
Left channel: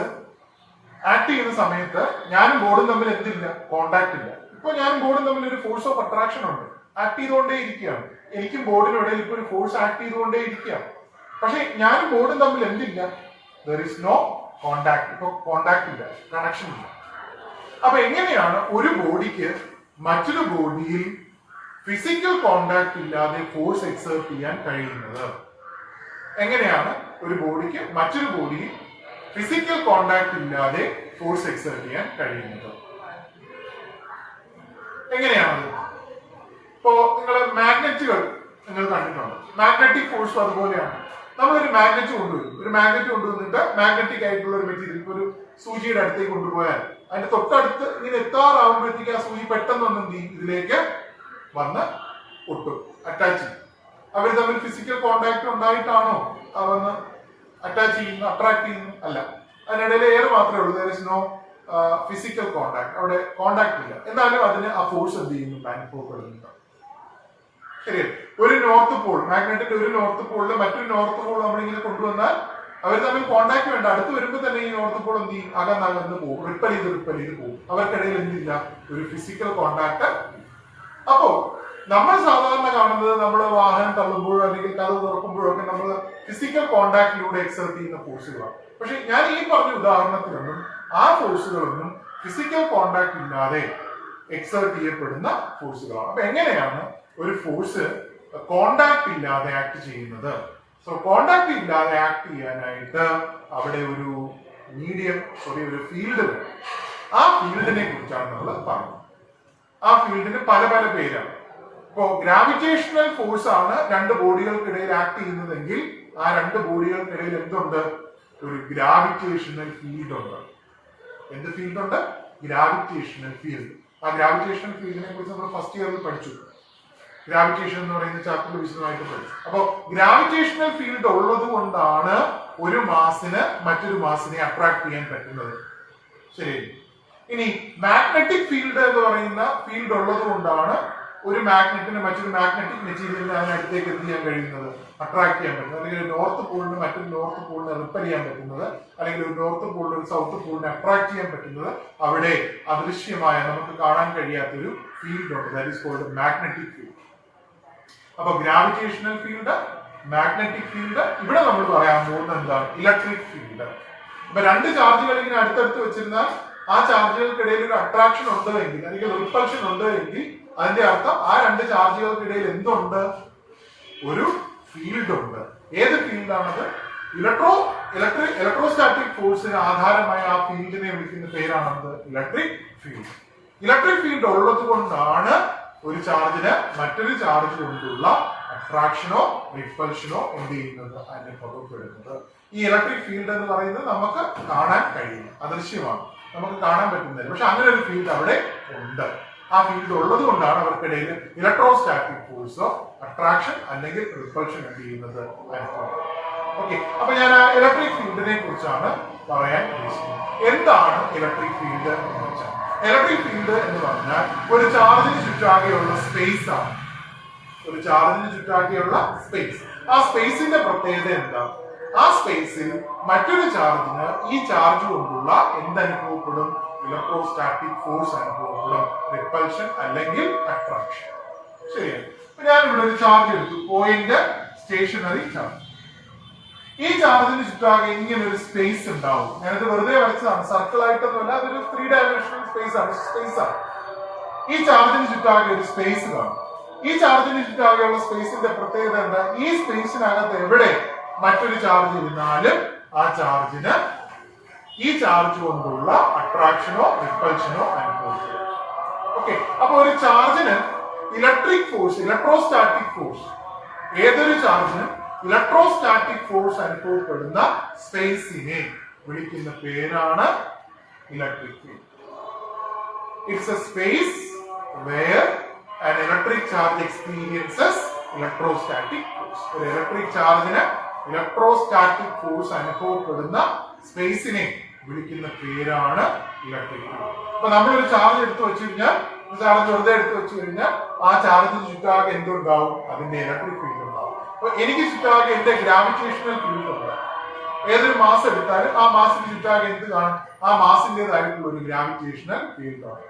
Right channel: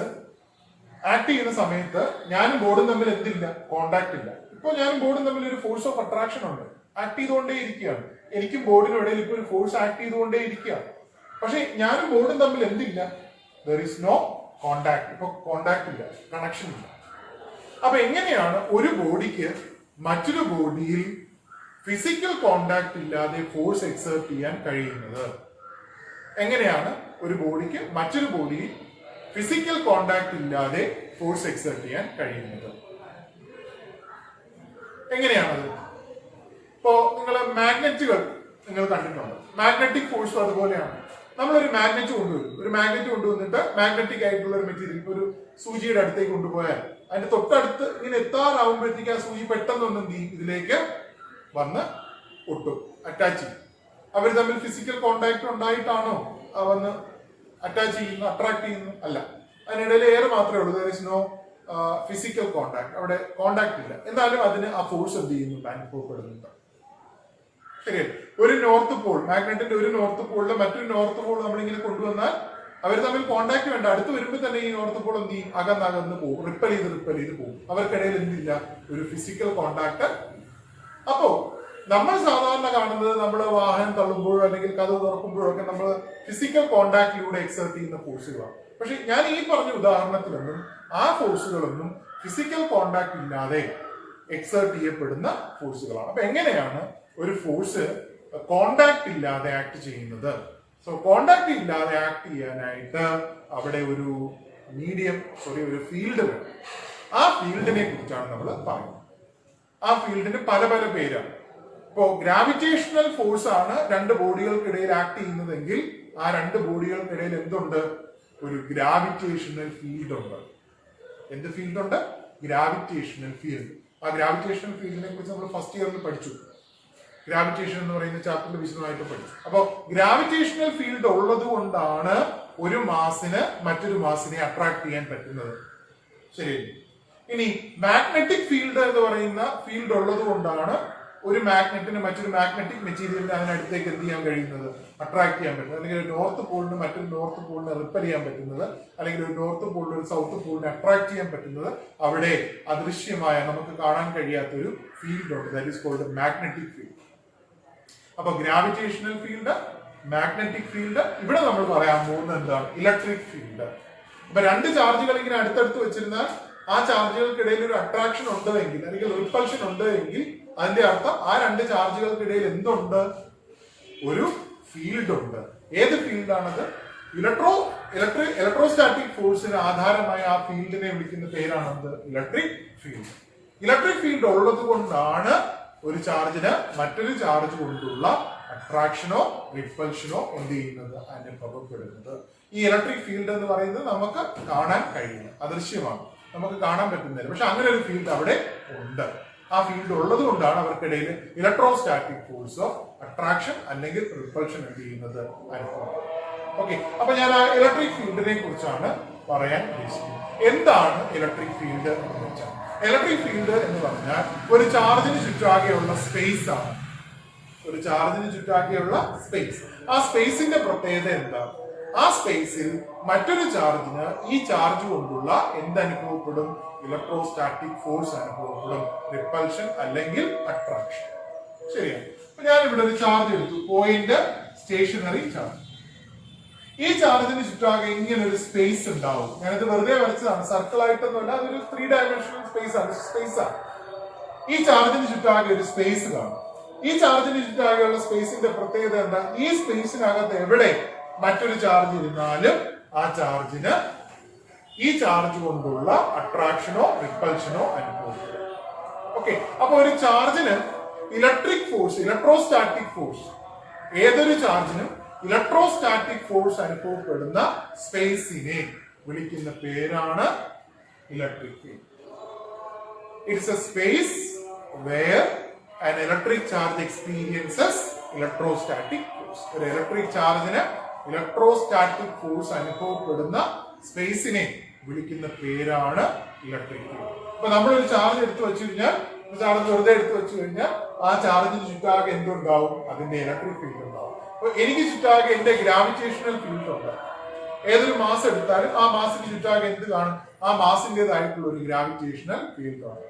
ആക്ട് ചെയ്യുന്ന സമയത്ത് ഞാനും ബോർഡും തമ്മിൽ എന്തില്ല? കോണ്ടാക്ട് ഇല്ല. ഇപ്പൊ ഞാനും ബോർഡും തമ്മിൽ ഒരു ഫോഴ്സ് ഓഫ് അട്രാക്ഷൻ ഉണ്ട്, ആക്ട് ചെയ്തുകൊണ്ടേ ഇരിക്കുകയാണ്. എനിക്കും ബോർഡിനും ഇടയിൽ ഇപ്പൊ ഒരു ഫോഴ്സ് ആക്ട് ചെയ്തുകൊണ്ടേ ഇരിക്കുകയാണ്. പക്ഷെ ഞാനും ബോർഡും തമ്മിൽ എന്തില്ല? There is no contact. ഇപ്പൊ കോണ്ടാക്ട് ഇല്ല, കണക്ഷൻ ഇല്ല. അപ്പൊ എങ്ങനെയാണ് ഒരു ബോഡിക്ക് മറ്റൊരു ബോഡിയിൽ ഫിസിക്കൽ കോണ്ടാക്ട് ഇല്ലാതെ ഫോഴ്സ് എക്സേർട്ട് ചെയ്യാൻ കഴിയുന്നത്? എങ്ങനെയാണ് ഒരു ബോഡിക്ക് മറ്റൊരു ബോഡിയിൽ ഫിസിക്കൽ കോണ്ടാക്ട് ഇല്ലാതെ ഫോഴ്സ് എക്സേർട്ട് ചെയ്യാൻ കഴിയുന്നത്? എങ്ങനെയാണത്? ഇപ്പോ നിങ്ങൾ മാഗ്നറ്റുകൾ നിങ്ങൾ കണ്ടിട്ടുണ്ട്. മാഗ്നറ്റിക് ഫോഴ്സും അതുപോലെയാണ്. നമ്മളൊരു മാഗ്നറ്റ് കൊണ്ടുവന്നിട്ട് മാഗ്നറ്റിക് ആയിട്ടുള്ള ഒരു മെറ്റീരിയൽ, ഇപ്പൊ ഒരു സൂചിയുടെ അടുത്തേക്ക് കൊണ്ടുപോയാൽ അതിന്റെ തൊട്ടടുത്ത് ഇങ്ങനെ എത്താറാവുമ്പോഴത്തേക്ക് ആ സൂചി പെട്ടെന്ന് ഇതിലേക്ക് വന്ന് ഒട്ടും, അറ്റാച്ച് ചെയ്യും. അവർ തമ്മിൽ ഫിസിക്കൽ കോണ്ടാക്ട് ഉണ്ടായിട്ടാണോ വന്ന് അട്രാക്ട് ചെയ്യുന്നു? അല്ല. അതിനിടയിൽ എയർ മാത്രമേ ഉള്ളൂ. There is no physical contact. അവിടെ കോണ്ടാക്ട് ഇല്ല. എന്നാലും അതിന് ആ ഫോഴ്സ് എന്ത് ചെയ്യുന്നുണ്ട്? അനുഭവപ്പെടുന്നുണ്ട്. ശരിയല്ലേ? ഒരു നോർത്ത് പോൾ, മാഗ്നറ്റിന്റെ ഒരു നോർത്ത് പോളിൽ മറ്റൊരു നോർത്ത് പോൾ നമ്മളിങ്ങനെ കൊണ്ടുവന്നാൽ അവർ തമ്മിൽ കോണ്ടാക്ട് വേണ്ട. അടുത്ത് വരുമ്പോൾ തന്നെ ഈ നോർത്ത് പോൾ എന്ത് ചെയ്യും? അകന്നകന്ന് പോകും, റിപ്പൽ ചെയ്ത് പോകും. അവർക്കിടയിൽ എന്തില്ല? ഒരു ഫിസിക്കൽ കോണ്ടാക്ട്. അപ്പോ നമ്മൾ സാധാരണ കാണുന്നത്, നമ്മൾ വാഹനം തള്ളുമ്പോഴോ അല്ലെങ്കിൽ കഥ തുറക്കുമ്പോഴോ ഒക്കെ നമ്മൾ ഫിസിക്കൽ കോണ്ടാക്ടിലൂടെ എക്സേർട്ട് ചെയ്യുന്ന ഫോഴ്സുകളാണ്. പക്ഷെ ഞാൻ ഈ പറഞ്ഞ ഉദാഹരണത്തിലൊന്നും ആ ഫോഴ്സുകളൊന്നും ഫിസിക്കൽ കോണ്ടാക്ട് ഇല്ലാതെ എക്സേർട്ട് ചെയ്യപ്പെടുന്ന ഫോഴ്സുകളാണ്. അപ്പൊ എങ്ങനെയാണ് ഒരു ഫോഴ്സ് കോണ്ടാക്ട് ഇല്ലാതെ ആക്ട് ചെയ്യുന്നത്? സോ കോണ്ടാക്ട് ഇല്ലാതെ ആക്ട് ചെയ്യാനായിട്ട് അവിടെ ഒരു ഒരു ഫീൽഡ് വേണം. ആ ഫീൽഡിനെ കുറിച്ചാണ് നമ്മൾ പറയുന്നത്. ആ ഫീൽഡിന് പല പല പേരാണ്. ഇപ്പോ ഗ്രാവിറ്റേഷണൽ ഫോഴ്സ് ആണ് രണ്ട് ബോഡികൾക്കിടയിൽ ആക്ട് ചെയ്യുന്നതെങ്കിൽ ആ രണ്ട് ബോഡികൾക്കിടയിൽ എന്തുണ്ട്? ഒരു ഗ്രാവിറ്റേഷണൽ ഫീൽഡ് ഉണ്ട്. എന്ത് ഫീൽഡ് ഉണ്ട്? Gravitational field. ആ ഗ്രാവിറ്റേഷണൽ ഫീൽഡിനെ കുറിച്ച് നമ്മൾ ഫസ്റ്റ് ഇയറിൽ പഠിച്ചു. ഗ്രാവിറ്റേഷൻ എന്ന് പറയുന്ന ചാപ്റ്ററിൽ വിശദമായിട്ട് പഠിച്ചു. അപ്പോൾ ഗ്രാവിറ്റേഷണൽ ഫീൽഡ് ഉള്ളത് കൊണ്ടാണ് ഒരു മാസിന് മറ്റൊരു മാസിനെ അട്രാക്ട് ചെയ്യാൻ പറ്റുന്നത്. ശരി. ഇനി മാഗ്നറ്റിക് ഫീൽഡ് എന്ന് പറയുന്ന ഫീൽഡ് ഉള്ളത് കൊണ്ടാണ് ഒരു മാഗ്നറ്റിന് മറ്റൊരു മാഗ്നറ്റിക് മെറ്റീരിയലിനെ അതിനടുത്തേക്ക് എന്ത് ചെയ്യാൻ കഴിയുന്നത്? അട്രാക്ട് ചെയ്യാൻ പറ്റുന്നത്. അല്ലെങ്കിൽ ഒരു നോർത്ത് പോളിന് മറ്റൊരു നോർത്ത് പോളിനെ റിപ്പൽ ചെയ്യാൻ പറ്റുന്നത്, അല്ലെങ്കിൽ ഒരു നോർത്ത് പോളിന് ഒരു സൗത്ത് പോളിനെ അട്രാക്ട് ചെയ്യാൻ പറ്റുന്നത് അവിടെ അദൃശ്യമായ നമുക്ക് കാണാൻ കഴിയാത്തൊരു ഫീൽഡ് ഉണ്ട്. That is called magnetic field. അപ്പൊ ഗ്രാവിറ്റേഷണൽ ഫീൽഡ്, മാഗ്നറ്റിക് ഫീൽഡ്. ഇവിടെ നമ്മൾ പറയാൻ പോകുന്നത് എന്താണ്? Electric field. ഇപ്പൊ രണ്ട് ചാർജുകൾ ഇങ്ങനെ അടുത്തടുത്ത് വെച്ചിരുന്നാൽ ആ ചാർജുകൾക്കിടയിൽ ഒരു അട്രാക്ഷൻ ഉണ്ട് എങ്കിൽ, അല്ലെങ്കിൽ റിപ്പൾഷൻ ഉണ്ട് എങ്കിൽ അതിന്റെ അർത്ഥം ആ രണ്ട് ചാർജുകൾക്കിടയിൽ എന്തുണ്ട്? ഒരു ഫീൽഡ് ഉണ്ട്. ഏത് ഫീൽഡാണത്? ഇലക്ട്രോസ്റ്റാറ്റിക് ഫോഴ്സിന് ആധാരമായ ആ ഫീൽഡിനെ വിളിക്കുന്ന പേരാണത് ഇലക്ട്രിക് ഫീൽഡ്. ഇലക്ട്രിക് ഫീൽഡ് ഉള്ളത് കൊണ്ടാണ് ഒരു ചാർജിന് മറ്റൊരു ചാർജ് കൊണ്ടുള്ള അട്രാക്ഷനോ റിപ്പൾഷനോ എന്ത് ചെയ്യുന്നത്? അനുഭവപ്പെടുന്നത്. ഈ ഇലക്ട്രിക് ഫീൽഡ് എന്ന് പറയുന്നത് നമുക്ക് കാണാൻ കഴിയും, അദൃശ്യമാണ്, നമുക്ക് കാണാൻ പറ്റുന്നില്ല. പക്ഷെ അങ്ങനെ ഒരു ഫീൽഡ് അവിടെ ഉണ്ട്. ആ ഫീൽഡ് ഉള്ളത് കൊണ്ടാണ് അവർക്കിടയിൽ ഇലക്ട്രോസ്റ്റാറ്റിക് ഫോഴ്സ് ഓഫ് അട്രാക്ഷൻ അല്ലെങ്കിൽ റിപ്പൾഷൻ എന്ത് ചെയ്യുന്നത്? അനുഭവം. ഓക്കെ. അപ്പൊ ഞാൻ ആ ഇലക്ട്രിക് ഫീൽഡിനെ കുറിച്ചാണ് പറയാൻ ഉദ്ദേശിക്കുന്നത്. എന്താണ് ഇലക്ട്രിക് ഫീൽഡ് എന്ന് വെച്ചാൽ? ഇലക്ട്രിക് ഫീൽഡ് എന്ന് പറഞ്ഞാൽ ഒരു ചാർജിന് ചുറ്റാകെയുള്ള സ്പേസ് ആണ്. ഒരു ചാർജിന് ചുറ്റാകെയുള്ള സ്പേസ്. ആ സ്പേസിന്റെ പ്രത്യേകത എന്താ? ആ സ്പേസിൽ മറ്റൊരു ചാർജിന് ഈ ചാർജ് കൊണ്ടുള്ള എന്തനുഭവപ്പെടും? ഇലക്ട്രോസ്റ്റാറ്റിക് ഫോഴ്സ് അനുഭവപ്പെടും, റിപ്പൾഷൻ അല്ലെങ്കിൽ അട്രാക്ഷൻ. ശരിയാണ്. ഞാൻ ഇവിടെ ഒരു ചാർജ് എടുത്തു, പോയിന്റ് സ്റ്റേഷനറി ചാർജ്. ഈ ചാർജിന് ചുറ്റാകെ ഇങ്ങനെ ഒരു സ്പേസ് ഉണ്ടാവും. ഞാനത് വെറുതെ വരച്ചതാണ്, സർക്കിൾ ആയിട്ടൊന്നുമല്ല, അതൊരു 3 ഡയമെൻഷണൽ സ്പേസ് ആണ്. ഈ ചാർജിന് ചുറ്റാകെ ഒരു സ്പേസ് കാണും. ഈ ചാർജിന് ചുറ്റാകെയുള്ള സ്പേസിന്റെ പ്രത്യേകത എന്താ? ഈ സ്പേസിനകത്ത് എവിടെ മറ്റൊരു ചാർജ് ഇരുന്നാലും ആ ചാർജിന് ഈ ചാർജ് കൊണ്ടുള്ള അട്രാക്ഷനോ റിപ്പൽഷനോ അനുഭവപ്പെടും. ഓക്കെ, അപ്പൊ ഒരു ചാർജിന് ഇലക്ട്രിക് ഫോഴ്സ്, ഇലക്ട്രോസ്റ്റാറ്റിക് ഫോഴ്സ്, ഏതൊരു ചാർജിനും ഇലക്ട്രോസ്റ്റാറ്റിക് ഫോഴ്സ് അനുഭവപ്പെടുന്ന സ്പേസിനെ വിളിക്കുന്ന പേരാണ് electric field. It's a space where an electric charge experiences electrostatic force. ഒരു ഇലക്ട്രിക് ചാർജിന് ഇലക്ട്രോസ്റ്റാറ്റിക് ഫോഴ്സ് അനുഭവപ്പെടുന്ന സ്പേസിനെ വിളിക്കുന്ന പേരാണ് ഇലക്ട്രിക് ഫീൽഡ്. അപ്പൊ നമ്മളൊരു ചാർജ് എടുത്തു വെച്ച് കഴിഞ്ഞാൽ, ചാർജ് വെറുതെ എടുത്തു വെച്ച് കഴിഞ്ഞാൽ ആ ചാർജിന് ചുറ്റാകെ എന്തുണ്ടാവും? അതിന്റെ ഇലക്ട്രിക് ഫീൽഡ് ഉണ്ടാവും. അപ്പൊ എനിക്ക് ചുറ്റാകെ എന്റെ ഗ്രാവിറ്റേഷണൽ ഫീൽഡ് ഉണ്ട്. ഏതൊരു മാസ് എടുത്താലും ആ മാസിന് ചുറ്റാകെ എന്ത് കാണും? ആ മാസിന്റേതായിട്ടുള്ള ഒരു ഗ്രാവിറ്റേഷണൽ ഫീൽഡ് ആണ്.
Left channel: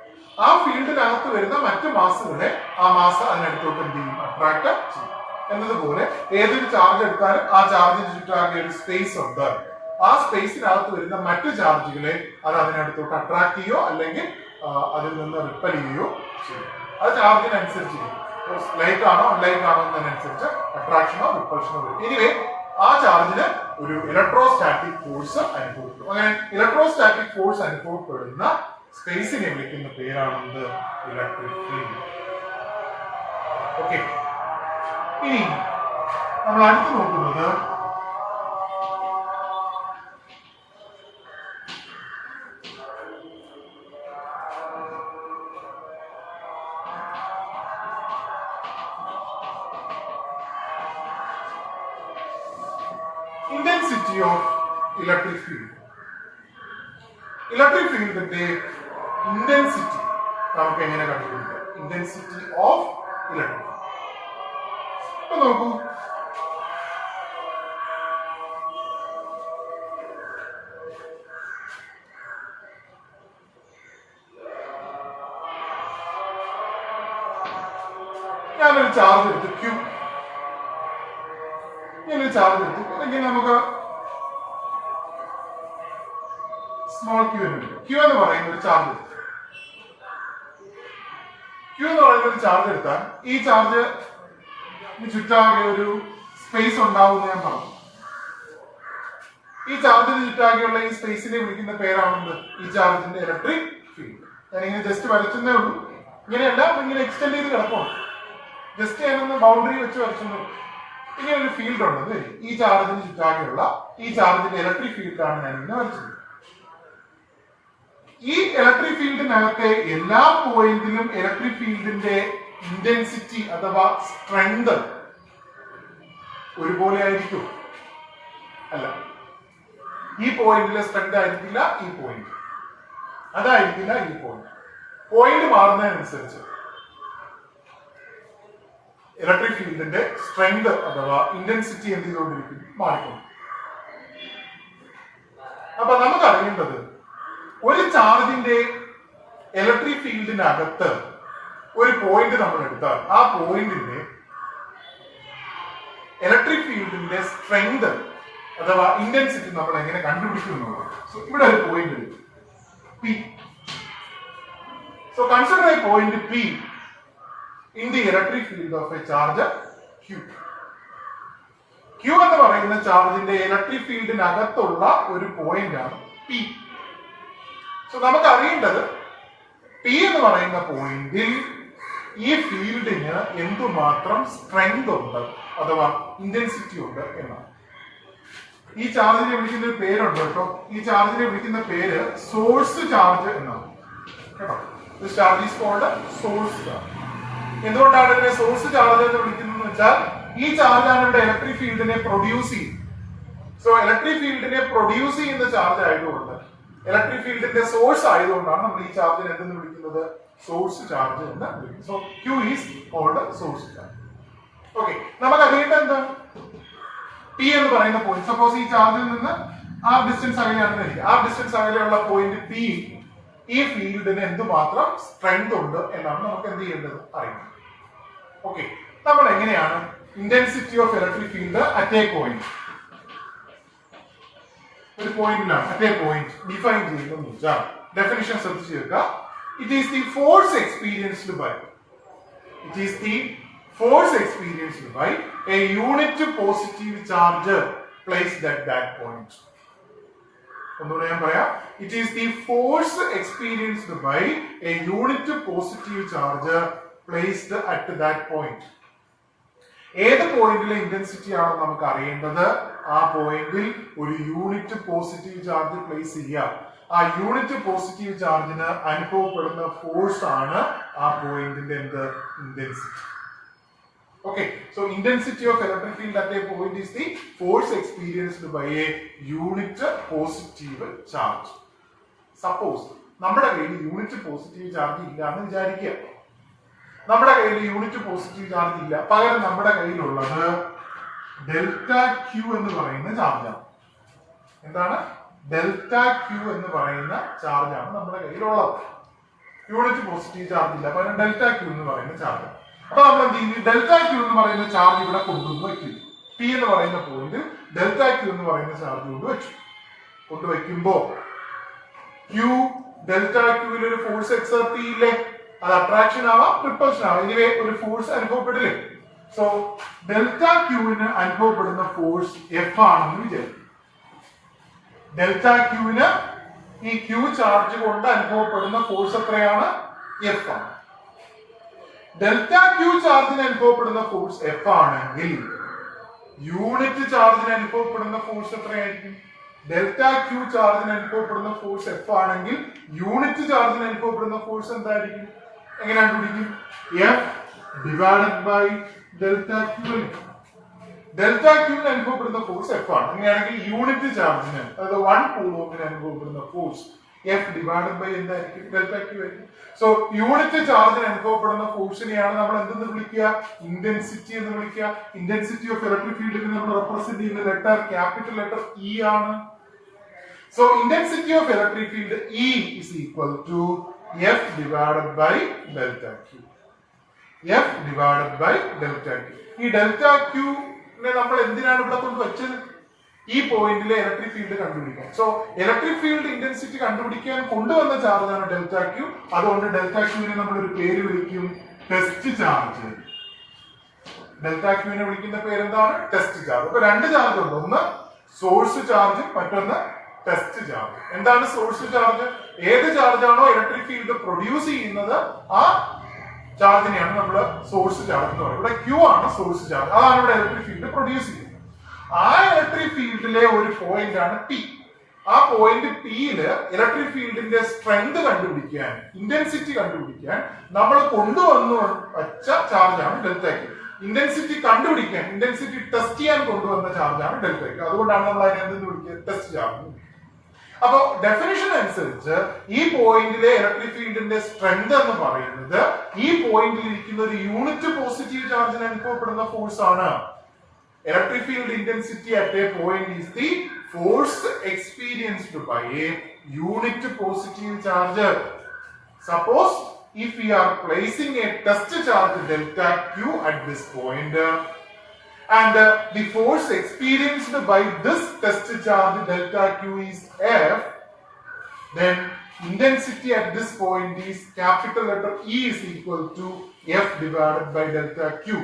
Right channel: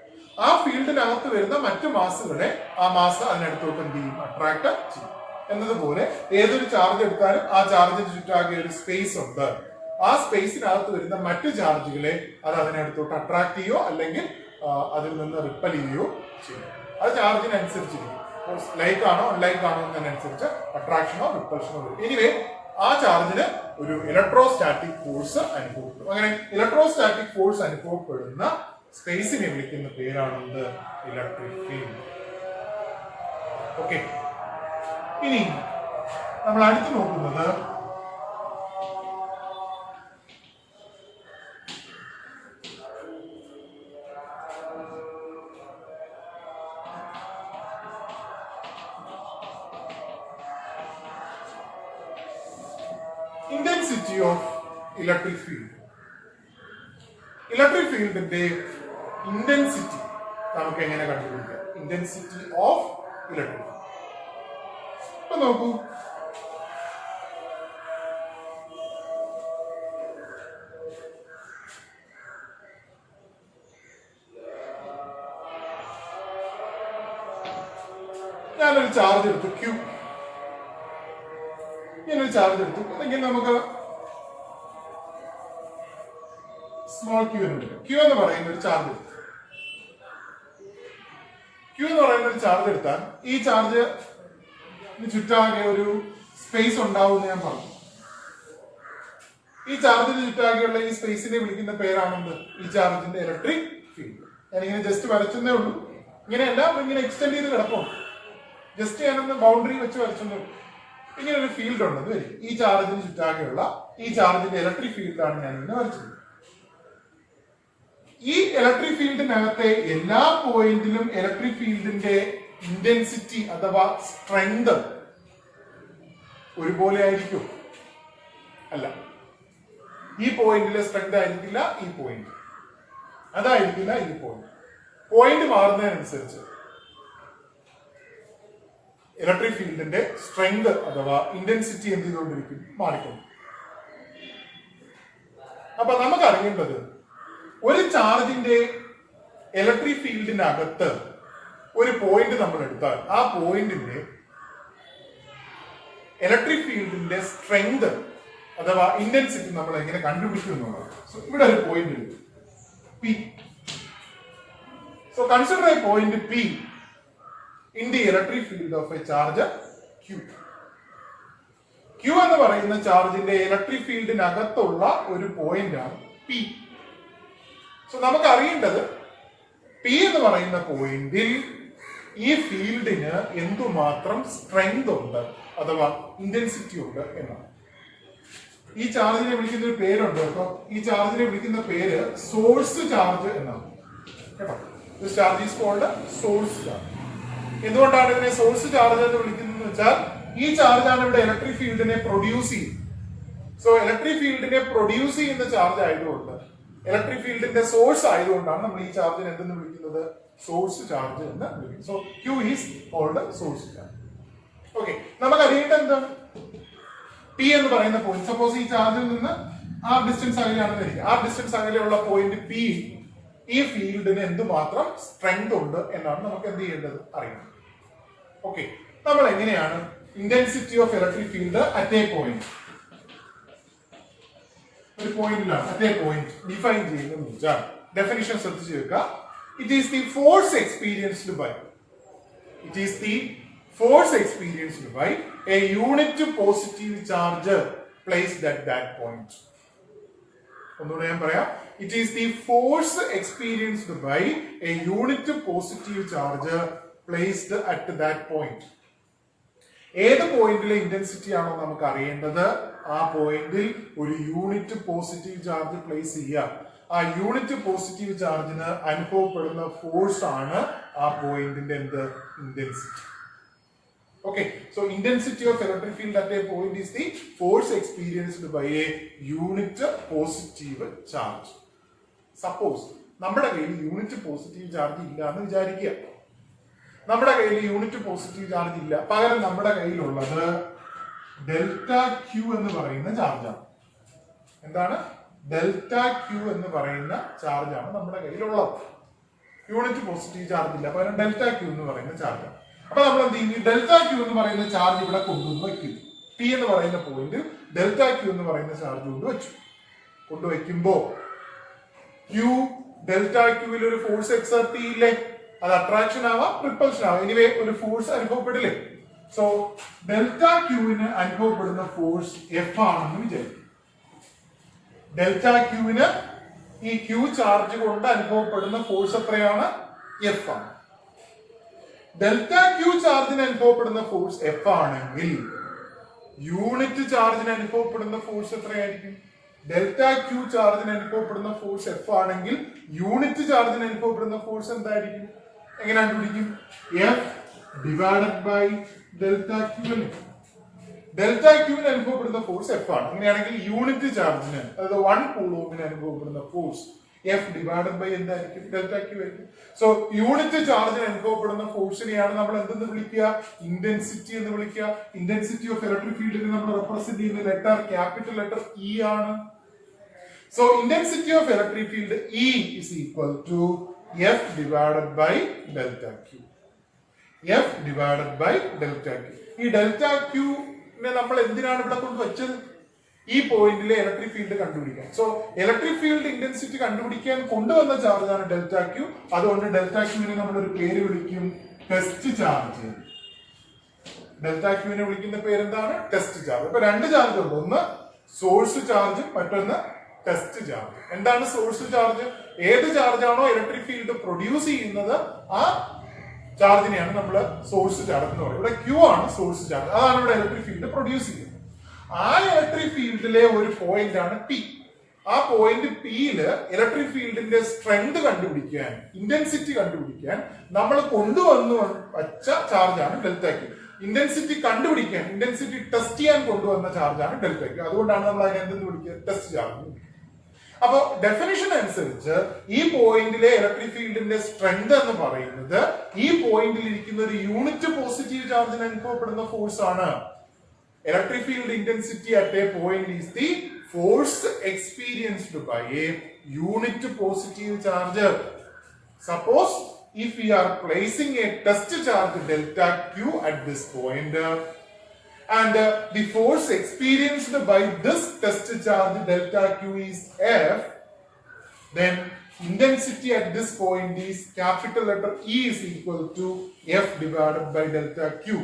ആ ഫീൽഡിനകത്ത് വരുന്ന മറ്റു മാസുകളെ ആ മാസ് അതിനടുത്തോട്ട് എന്ത് ചെയ്യും? അട്രാക്ട് ചെയ്യും. എന്നതുപോലെ ഏതൊരു ചാർജ് എടുത്താലും ആ ചാർജിന് ചുറ്റാകെ ഒരു സ്പേസ് ഉണ്ട്. ആ സ്പേസിനകത്ത് വരുന്ന മറ്റു ചാർജുകളെ അത് അതിനടുത്തോട്ട് അട്രാക്ട് ചെയ്യോ അല്ലെങ്കിൽ അതിൽ നിന്ന് റിപ്പൽ ചെയ്യുകയോ ചെയ്യും. അത് ചാർജിനനുസരിച്ചിരിക്കും. ലൈക്ക് ആണോ അൺലൈക്ക് ആണോ എന്നതിനനുസരിച്ച് അട്രാക്ഷനോ റിപ്പൽഷനോ വരും. എനിവേ ആ ചാർജിന് ഒരു ഇലക്ട്രോസ്റ്റാറ്റിക് ഫോഴ്സ് അനുഭവപ്പെടും. അങ്ങനെ ഇലക്ട്രോസ്റ്റാറ്റിക് ഫോഴ്സ് അനുഭവപ്പെടുന്ന സ്പേസിനെ വിളിക്കുന്ന പേരാണെന്ത്? Electric field. ഓക്കെ, ഇനി നമ്മൾ അടുത്ത് നോക്കുന്നത് intensity of electric field. Electric ഫീൽഡിന്റെ ഇന്റൻസിറ്റി നമുക്ക് എങ്ങനെ കണ്ടുപിടിക്കാം? Intensity of electric field. അപ്പൊ നോക്കൂ, ഞാനൊരു ചാർജ് എടുത്ത് ക്യൂ, ഞാനൊരു ചാർജ് എടുത്തു. അല്ലെങ്കിൽ നമുക്ക് സ്മോൾ ക്യൂ എന്ന് എടുക്കും. ക്യൂ എന്ന് പറയുന്ന ഒരു ചാർജ് എടുത്തു. ക്യൂ എന്ന് പറയുന്ന ഒരു ചാർജ് എടുത്താൽ ഈ ചാർജ് ചുറ്റാകെ ഒരു സ്പേസ് ഉണ്ടാവും എന്ന് ഞാൻ പറഞ്ഞു. ഈ ചാർജിന് ചുറ്റാകെയുള്ള ഈ സ്പേസിനെ വിളിക്കുന്ന പേരാണെന്ത്? ഈ ചാർജിന്റെ ഇലക്ട്രിക് ഫീൽഡ്. ഞാനിങ്ങനെ ജസ്റ്റ് വരച്ചെന്നേ ഉള്ളൂ. ഇങ്ങനെയല്ല, ഇങ്ങനെ എക്സ്റ്റെൻഡ് ചെയ്ത് കിടപ്പുണ്ട്. ജസ്റ്റ് ഞാനൊന്ന് ബൗണ്ടറി വെച്ച് വരച്ചെന്നു. ഇങ്ങനെ ഒരു ഫീൽഡ് ഉണ്ടെന്ന് വരും. ഈ ചാർജിന് ചുറ്റാകെയുള്ള ഈ ചാർജിന്റെ ഇലക്ട്രിക് ഫീൽഡാണ് ഞാൻ ഇങ്ങനെ വരച്ചത്. ഈ ഇലക്ട്രിക് ഫീൽഡിനകത്തെ എല്ലാ പോയിന്റിലും ഇലക്ട്രിക് ഫീൽഡിന്റെ ഇന്റൻസിറ്റി അഥവാ സ്ട്രെങ്ത് ഒരുപോലെ ആയിരിക്കും? അല്ല. ഈ പോയിന്റിലെ സ്ട്രെങ്ത് ആയിരിക്കില്ല ഈ പോയിന്റ്, അതായിരിക്കില്ല ഈ പോയിന്റ്. പോയിന്റ് മാറുന്നതിനനുസരിച്ച് ഇലക്ട്രിക് ഫീൽഡിന്റെ സ്ട്രെങ്ത് അഥവാ ഇന്റൻസിറ്റി എന്ത് ചെയ്തുകൊണ്ടിരിക്കും? മാറിക്കൊണ്ട്. അപ്പൊ നമുക്ക് അറിയേണ്ടത്, ഒരു ചാർജിന്റെ ഇലക്ട്രിക് ഫീൽഡിനകത്ത് ഒരു പോയിന്റ് നമ്മൾ എടുത്താൽ ആ പോയിന്റിന്റെ ഇലക്ട്രിക് ഫീൽഡിന്റെ സ്ട്രെങ്ത് അഥവാ ഇന്റൻസിറ്റി നമ്മൾ എങ്ങനെ കണ്ടുപിടിക്കുന്നു? സോ ഇവിടെ ഒരു പോയിന്റ് എടുക്കും P. So consider A point P in the electric field of a charge Q. Q എന്ന് പറയുന്ന ചാർജിന്റെ ഇലക്ട്രിക് ഫീൽഡിനകത്തുള്ള ഒരു പോയിന്റ് ആണ് പി. സോ നമുക്ക് അറിയേണ്ടത് പി എന്ന് പറയുന്ന പോയിന്റിൽ ഈ ഫീൽഡിന് എന്തുമാത്രം സ്ട്രെങ്ത് ഉണ്ട് അഥവാ ഇന്റൻസിറ്റി ഉണ്ട് എന്നാണ്. ഈ ചാർജിനെ വിളിക്കുന്ന ഒരു പേരുണ്ട് കേട്ടോ. ഈ ചാർജിനെ വിളിക്കുന്ന പേര് സോഴ്സ് ചാർജ് എന്നാണ് കേട്ടോ. This charge is called source charge. എന്തുകൊണ്ടാണ് ഇതിനെ സോഴ്സ് ചാർജ് എന്ന് വിളിക്കുന്നത് വെച്ചാൽ ഈ ചാർജാണ് ഇവിടെ ഇലക്ട്രിക് ഫീൽഡിനെ പ്രൊഡ്യൂസ് ചെയ്യുന്നത്. സോ ഇലക്ട്രിക് ഫീൽഡിനെ പ്രൊഡ്യൂസ് ചെയ്യുന്ന ചാർജ് ആയതുകൊണ്ട്, ഇലക്ട്രിക് ഫീൽഡിന്റെ സോഴ്സ് ആയതുകൊണ്ടാണ് നമ്മൾ ഈ ചാർജിനെ എന്തെന്ന് വിളിക്കുന്നത്? സോഴ്സ് ചാർജ് എന്ന് വിളിക്കുന്നത്. So Q is called source charge. Okay, നമുക്ക് അറിയേണ്ടത് എന്താണ്? P എന്ന് പറയുന്ന പോയിന്റ്, സപ്പോസ് ഈ ചാർജിൽ നിന്ന് ആ ഡിസ്റ്റൻസ് അകലെയാണെന്ന് വിചാരിക്കുക. ആ ഡിസ്റ്റൻസ് അകലെയുള്ള പോയിന്റ് P ഈ ഫീൽഡിന് എന്തുമാത്രം സ്ട്രെങ്ത് ഉണ്ട് എന്നാണ് നമുക്ക് എന്ത് ചെയ്യേണ്ടത്? അറിയുന്നത്. ഓക്കെ, നമ്മൾ എങ്ങനെയാണ് intensity of electric field at a point, ഒരു പോയിന്റിലാണ്, മറ്റേ പോയിന്റ് ഡിഫൈൻ ചെയ്യുന്നതെന്ന് വെച്ചാൽ ഡെഫിനിഷൻ ശ്രദ്ധിച്ചു വെക്കുക. It is the force experienced by a unit positive charge placed at that point. ഒന്നുകൂടെ ഞാൻ പറയാം. It is the force experienced by a unit positive charge placed at that point. ഏത് പോയിന്റിലെ intensity ആണോ നമുക്ക് അറിയേണ്ടത്, ആ പോയിന്റിൽ ഒരു യൂണിറ്റ് പോസിറ്റീവ് ചാർജ് പ്ലേസ് ചെയ്യുക. ആ യൂണിറ്റ് പോസിറ്റീവ് ചാർജിന് അനുഭവപ്പെടുന്ന ഫോഴ്സ് ആണ് ആ പോയിന്റിന്റെ intensity. Okay, so intensity of electric field at a point is the force experienced by a unit positive charge. Suppose നമ്മുടെ കയ്യിൽ യൂണിറ്റ് പോസിറ്റീവ് ചാർജ് ഇല്ല എന്ന് വിചാരിക്കുക. നമ്മുടെ കയ്യിൽ യൂണിറ്റ് പോസിറ്റീവ് ചാർജ് ഇല്ല, പകരം നമ്മുടെ കയ്യിലുള്ളത് ഡെൽറ്റ ക്യൂ എന്ന് പറയുന്ന ചാർജാണ്. എന്താണ്? ഡെൽറ്റ ക്യൂ എന്ന് പറയുന്ന ചാർജാണ് നമ്മുടെ കയ്യിലുള്ളത്. യൂണിറ്റ് പോസിറ്റീവ് ചാർജ് ഇല്ല, പകരം ഡെൽറ്റ ക്യൂ എന്ന് പറയുന്ന ചാർജ്. അപ്പൊ നമ്മൾ എന്ത് ചെയ്യും? ഡെൽറ്റ ക്യൂ എന്ന് പറയുന്ന ചാർജ് ഇവിടെ കൊണ്ടുവന്ന് വയ്ക്കും. പി എന്ന് പറയുന്ന പോയിന്റ് ഡെൽറ്റ ക്യൂ എന്ന് പറയുന്ന ചാർജ് കൊണ്ടുവയ്ക്കുമ്പോ ക്യൂ ഡെൽറ്റ ക്യൂവിൽ ഒരു ഫോഴ്സ് എക്സർട്ട് ചെയ്യില്ലേ? അത് അട്രാക്ഷൻ ആവാം, റിപ്പൾഷൻ ആവാം, എനിവേ ഒരു ഫോഴ്സ് അനുഭവപ്പെടില്ലേ? സോ ഡെൽറ്റ ക്യൂവിന് അനുഭവപ്പെടുന്ന ഫോഴ്സ് എഫ് ആണെന്ന് വിചാരിക്കും. ഡെൽറ്റ ക്യൂവിന് ഈ ക്യൂ ചാർജ് കൊണ്ട് അനുഭവപ്പെടുന്ന ഫോഴ്സ് എത്രയാണ്? എഫ് ആണ്. ഡെൽറ്റ ക്യൂ ചാർജിന് അനുഭവപ്പെടുന്ന ഫോഴ്സ് എഫ് ആണെങ്കിൽ യൂണിറ്റ് ചാർജിന് അനുഭവപ്പെടുന്ന ഫോഴ്സ് എത്രയായിരിക്കും? ഡെൽറ്റ ക്യൂ ചാർജിന് അനുഭവപ്പെടുന്ന ഫോഴ്സ് എഫ് ആണെങ്കിൽ യൂണിറ്റ് ചാർജിന് അനുഭവപ്പെടുന്ന ഫോഴ്സ് എന്തായിരിക്കും? എങ്ങനെ കണ്ടുപിടിക്കും? F divided by delta Q. Delta ക്യൂവിന് അനുഭവപ്പെടുന്ന ഫോഴ്സ് എഫ് ആണ്. അങ്ങനെയാണെങ്കിൽ യൂണിറ്റ് ചാർജിന്, അതായത് 1 കൂളോമിന് അനുഭവപ്പെടുന്ന ഫോഴ്സ് എഫ് ഡിവൈഡഡ് ബൈ എന്തായിരിക്കും? ഡെൽറ്റ ക്യൂ ആയിരിക്കും. സോ യൂണിറ്റ് ചാർജിന് അനുഭവപ്പെടുന്ന ഫോഴ്സിനെയാണ് നമ്മൾ എന്തെന്ന് വിളിക്കുക? ഇന്റൻസിറ്റി എന്ന് വിളിക്കുക. ഇന്റൻസിറ്റി ഓഫ് ഇലക്ട്രിക് ഫീൽഡിനെ നമ്മൾ റെപ്രസെന്റ് ചെയ്യുന്ന ലെറ്റർ ക്യാപിറ്റൽ ലെറ്റർ ഇ ആണ്. So intensity of electric field E is equal to F divided by delta Q. F divided by delta Q. ഈ ഡെൽറ്റ ക്യൂനെ നമ്മൾ എന്തിനാണ് ഇവിടെ കൊണ്ട് വെച്ചത്? ഈ പോയിന്റിലെ ഇലക്ട്രിക് ഫീൽഡ് കണ്ടുപിടിക്കാൻ. സോ ഇലക്ട്രിക് ഫീൽഡ് ഇന്റൻസിറ്റി കണ്ടുപിടിക്കാൻ കൊണ്ടുവന്ന ചാർജാണ് ഡെൽറ്റ ക്യൂ. അതുകൊണ്ട് ഡെൽറ്റ ക്യൂവിനെ നമ്മൾ ഒരു പേര് വിളിക്കും, ടെസ്റ്റ് ചാർജ്. ഡെൽറ്റ ക്യൂവിനെ വിളിക്കുന്ന പേരെന്താണ്? Test charge. അപ്പൊ 2 ചാർജ് ഉണ്ട്, ഒന്ന് സോഴ്സ് ചാർജ്, മറ്റൊന്ന് ടെസ്റ്റ് ചാർജ്. എന്താണ് സോഴ്സ് ചാർജ്? ഏത് ചാർജാണോ ഇലക്ട്രിക് ഫീൽഡ് പ്രൊഡ്യൂസ് ചെയ്യുന്നത് ആ ചാർജിനെയാണ് നമ്മൾ സോഴ്സ് ചാർജ് എന്ന് പറയുന്നത്. ഇവിടെ ക്യൂ ആണ് സോഴ്സ് ചാർജ്, അതാണ് ഇവിടെ ഇലക്ട്രിക് ഫീൽഡ് പ്രൊഡ്യൂസ് ചെയ്യുന്നത്. ആ ഇലക്ട്രിക് ഫീൽഡിലെ ഒരു പോയിന്റ് ആണ് ടി. ആ പോയിന്റ് ടിയില് ഇലക്ട്രിക് ഫീൽഡിന്റെ സ്ട്രെങ്ത് കണ്ടുപിടിക്കാൻ, ഇന്റൻസിറ്റി കണ്ടുപിടിക്കാൻ നമ്മൾ കൊണ്ടുവന്നു വച്ച ചാർജാണ് ഡെൽറ്റ ക്യൂ. ഇന്റൻസിറ്റി കണ്ടുപിടിക്കാൻ, ഇന്റൻസിറ്റി ടെസ്റ്റ് ചെയ്യാൻ കൊണ്ടുവന്ന ചാർജാണ് ഡെൽറ്റ ക്യൂ. അതുകൊണ്ടാണ് നമ്മൾ അതിനെ എന്തെന്ന് വിളിക്കുക? Test charge. അപ്പോ ഡെഫിനിഷൻ അനുസരിച്ച് ഈ പോയിന്റിലെ ഇലക്ട്രിക് ഫീൽഡിന്റെ സ്ട്രെങ്ത് എന്ന് പറയുന്നത് ഈ പോയിന്റിൽ ഇരിക്കുന്ന ഒരു യൂണിറ്റ് പോസിറ്റീവ് ചാർജിന് അനുഭവപ്പെടുന്ന ഫോഴ്സ് ആണ്. Electric field intensity at a point is the force experienced by a unit positive charge. Suppose if we are placing a test charge delta Q at this point and the force experienced by this test charge delta Q is F, then intensity at this point is capital letter E is equal to F divided by delta Q.